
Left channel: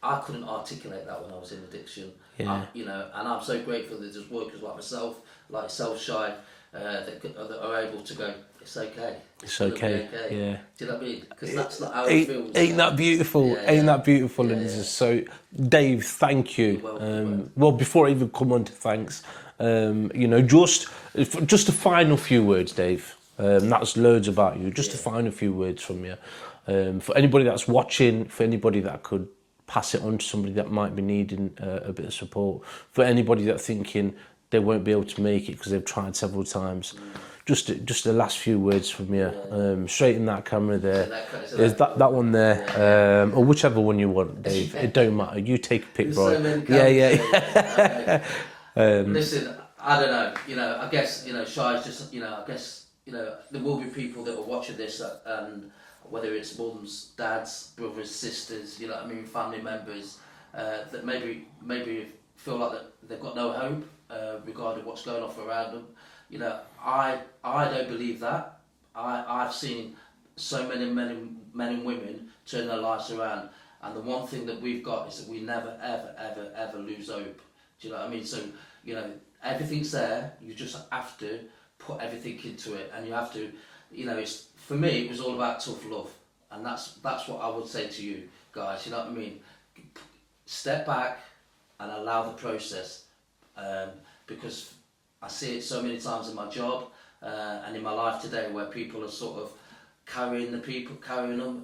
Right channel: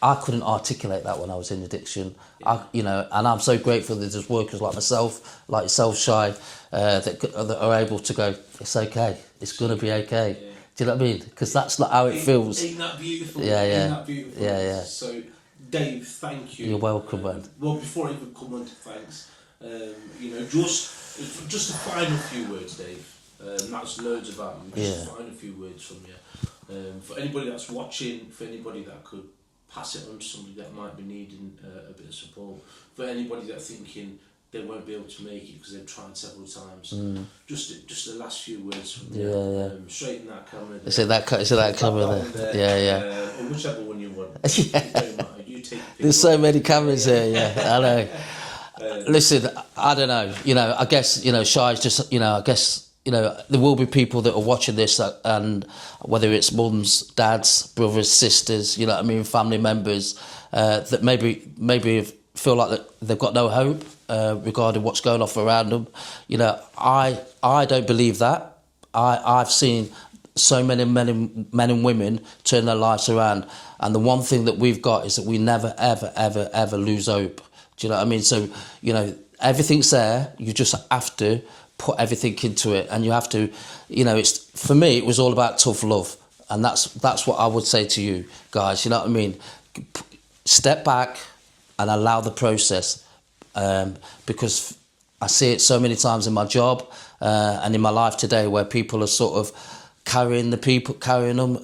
I couldn't articulate that when I was in addiction. And I'm so grateful that there's workers like myself, like yourself, Shy, that are able to go, it's okay. It's going to be okay. Yeah. Do you know what I mean? Because that's not how it feels. Ain't that beautiful? Ain't that beautiful? Yeah. So, Dave, thank you. You're welcome, man. Well, before I even come on to thanks, just a final few words, Dave. That's loads about you. Just a final few words from you. For anybody that's watching, for anybody that could pass it on to somebody that might be needing a bit of support, for anybody that's thinking they won't be able to make it because they've tried several times. Just the last few words from you. Straight in that camera there. That one there. Or whichever one you want. It don't matter. You take a picture. There's so many cameras here. I know. Listen, I don't know. I guess, Shy's just, I guess, there will be people that are watching this, and whether it's mums, dads, brothers, sisters, family members, that maybe feel like that they've got no hope regarding what's going off around them. I don't believe that. I've seen so many men and women turn their lives around, and the one thing that we've got is that we never, ever, ever, ever lose hope. Do you know what I mean? So, everything's there. You just have to put everything into it, and you have to, it's, for me, it was all about tough love, and that's what I would say to you guys. You know what I mean? Step back and allow the process, because I see it so many times in my job and in my life today, where people are sort of carrying them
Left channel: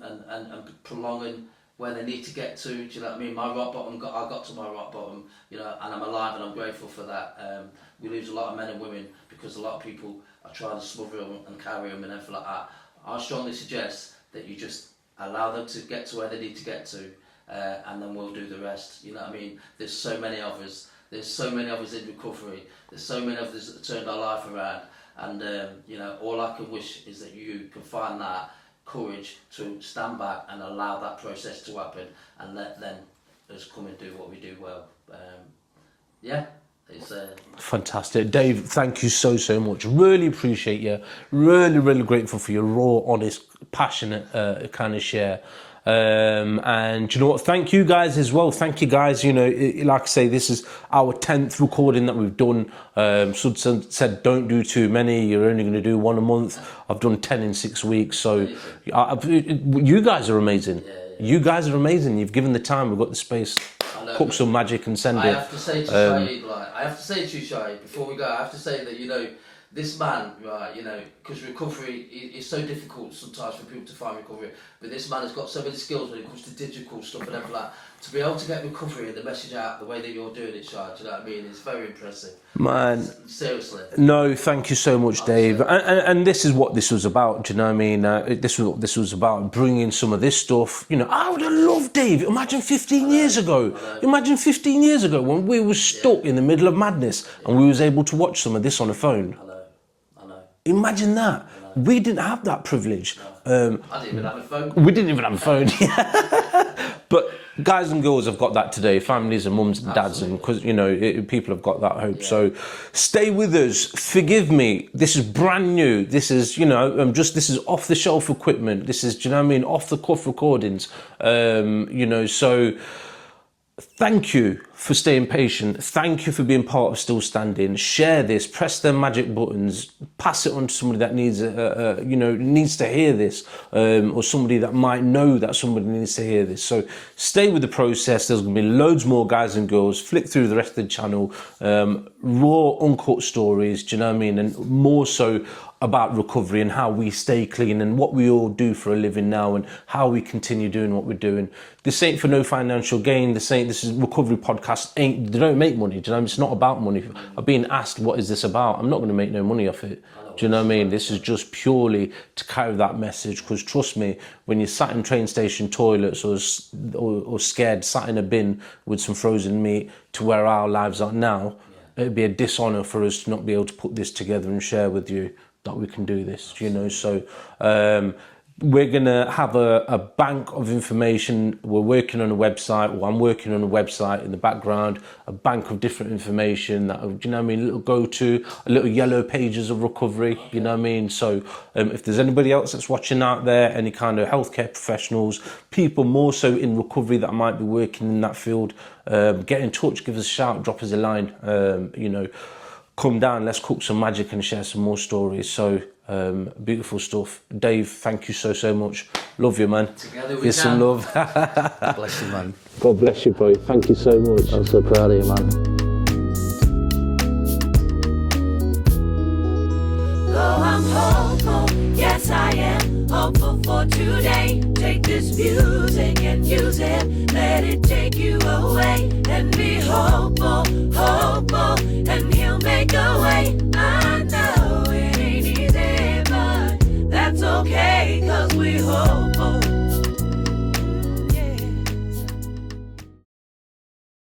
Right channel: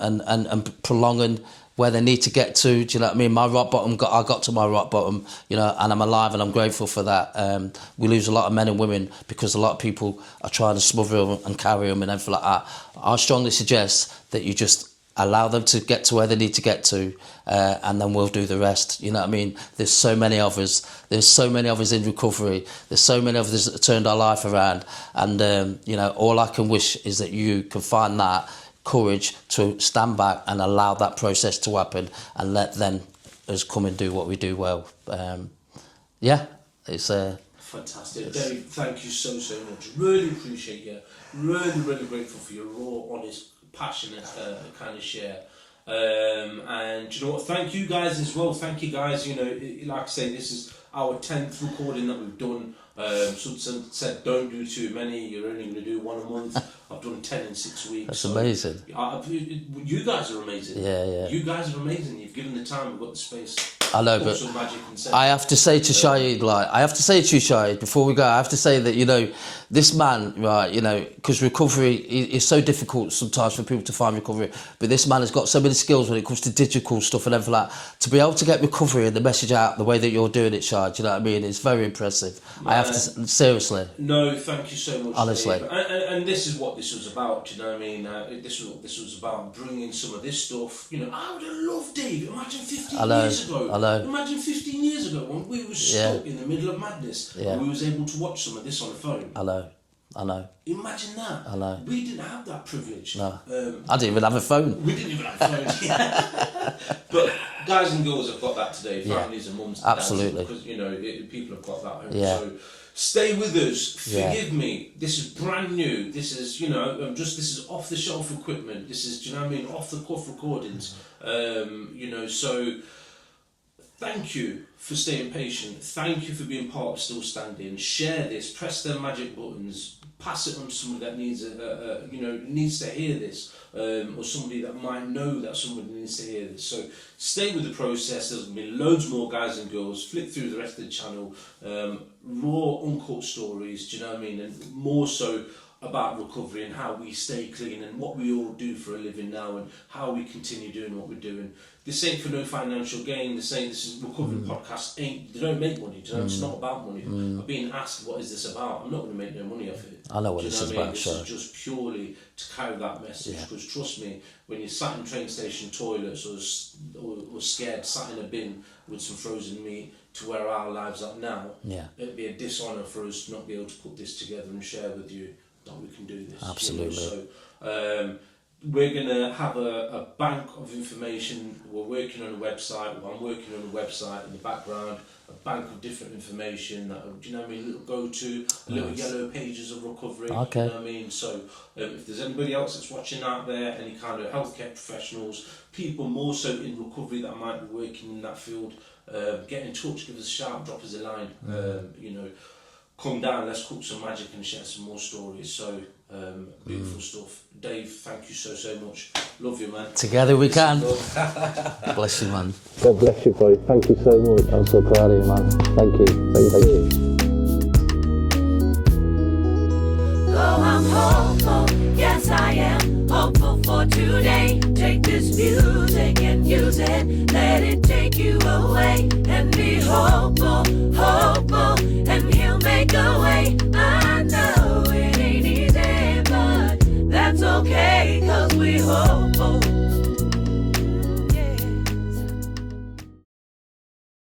and prolonging where they need to get to. Do you know what I mean? My rock bottom, I got to my rock bottom, and I'm alive, and I'm grateful for that. We lose a lot of men and women because a lot of people are trying to smother them and carry them and everything like that. I strongly suggest that you just allow them to get to where they need to get to, and then we'll do the rest. You know what I mean? There's so many of us. There's so many of us in recovery. There's so many of us that turned our life around. And, all I can wish is that you can find that courage to stand back and allow that process to happen, and let then us come and do what we do well. It's fantastic. Dave, thank you so much. Really appreciate you. Really grateful for your raw, honest, passionate kind of share. And you know what, thank you guys as well. Thank you guys. Like I say, this is our 10th recording that we've done. Sud said don't do too many, you're only going to do one a month. I've done 10 in 6 weeks. That's amazing. You guys are amazing. Yeah. You guys are amazing. You've given the time, we've got the space. I know, put some magic and send it. I have to say to Shahid, before we go, I have to say that, this man, right, because recovery is so difficult sometimes for people to find recovery, but this man has got so many skills when it comes to digital stuff and everything like that. To be able to get recovery and the message out the way that you're doing it, Shahid, you know what I mean? It's very impressive. Seriously. No, thank you so much, honestly. Dave. And this is what this was about, do you know what I mean? This is what this was about, bringing some of this stuff. I would have loved, Dave, imagine 15 years ago. Imagine 15 years ago when we were stuck in the middle of madness and we was able to watch some of this on a phone. I know. Imagine that. I know. We didn't have that privilege. No. I didn't even have a phone. We didn't even have a phone. But guys and girls have got that today. Families and mums and dads, because people have got that hope. Yeah. So stay with us. Forgive me. This is brand new. This is this is off the shelf equipment. This is off the cuff recordings. So Thank you for staying patient. Thank you for being part of Still Standing. Share this, press them magic buttons, pass it on to somebody that needs, needs to hear this, or somebody that might know that somebody needs to hear this. So stay with the process. There's going to be loads more guys and girls. Flick through the rest of the channel. Raw, uncut stories, do you know what I mean? And more so about recovery and how we stay clean and what we all do for a living now and how we continue doing what we're doing. This ain't for no financial gain. This is recovery podcast. They don't make money. Do you know what I mean? It's not about money. I'm being asked, what is this about? I'm not going to make no money off it. I know what do you know what I mean? this This is just purely to carry that message. Because trust me, when you're sat in train station toilets or scared, sat in a bin with some frozen meat to where our lives are now, it'd be a dishonour for us to not be able to put this together and share with you that we can do this. Absolutely. So we're going to have a bank of information. We're working on a website, or I'm working on a website in the background, a bank of different information that, do you know what I mean, a little go-to, a little yellow pages of recovery, you know what I mean? So if there's anybody else that's watching out there, any kind of healthcare professionals, people more so in recovery that might be working in that field, get in touch, give us a shout, drop us a line, come down, let's cook some magic and share some more stories. So beautiful stuff. Dave, thank you so much. Love you, man. Together we Here's can. some love. God bless you, man. God bless you, bro. Thank you so much. I'm so proud of you, man. Thank you. Oh, I'm hopeful, yes I am hopeful for today. Take this music and use it, let it take you away and be hopeful.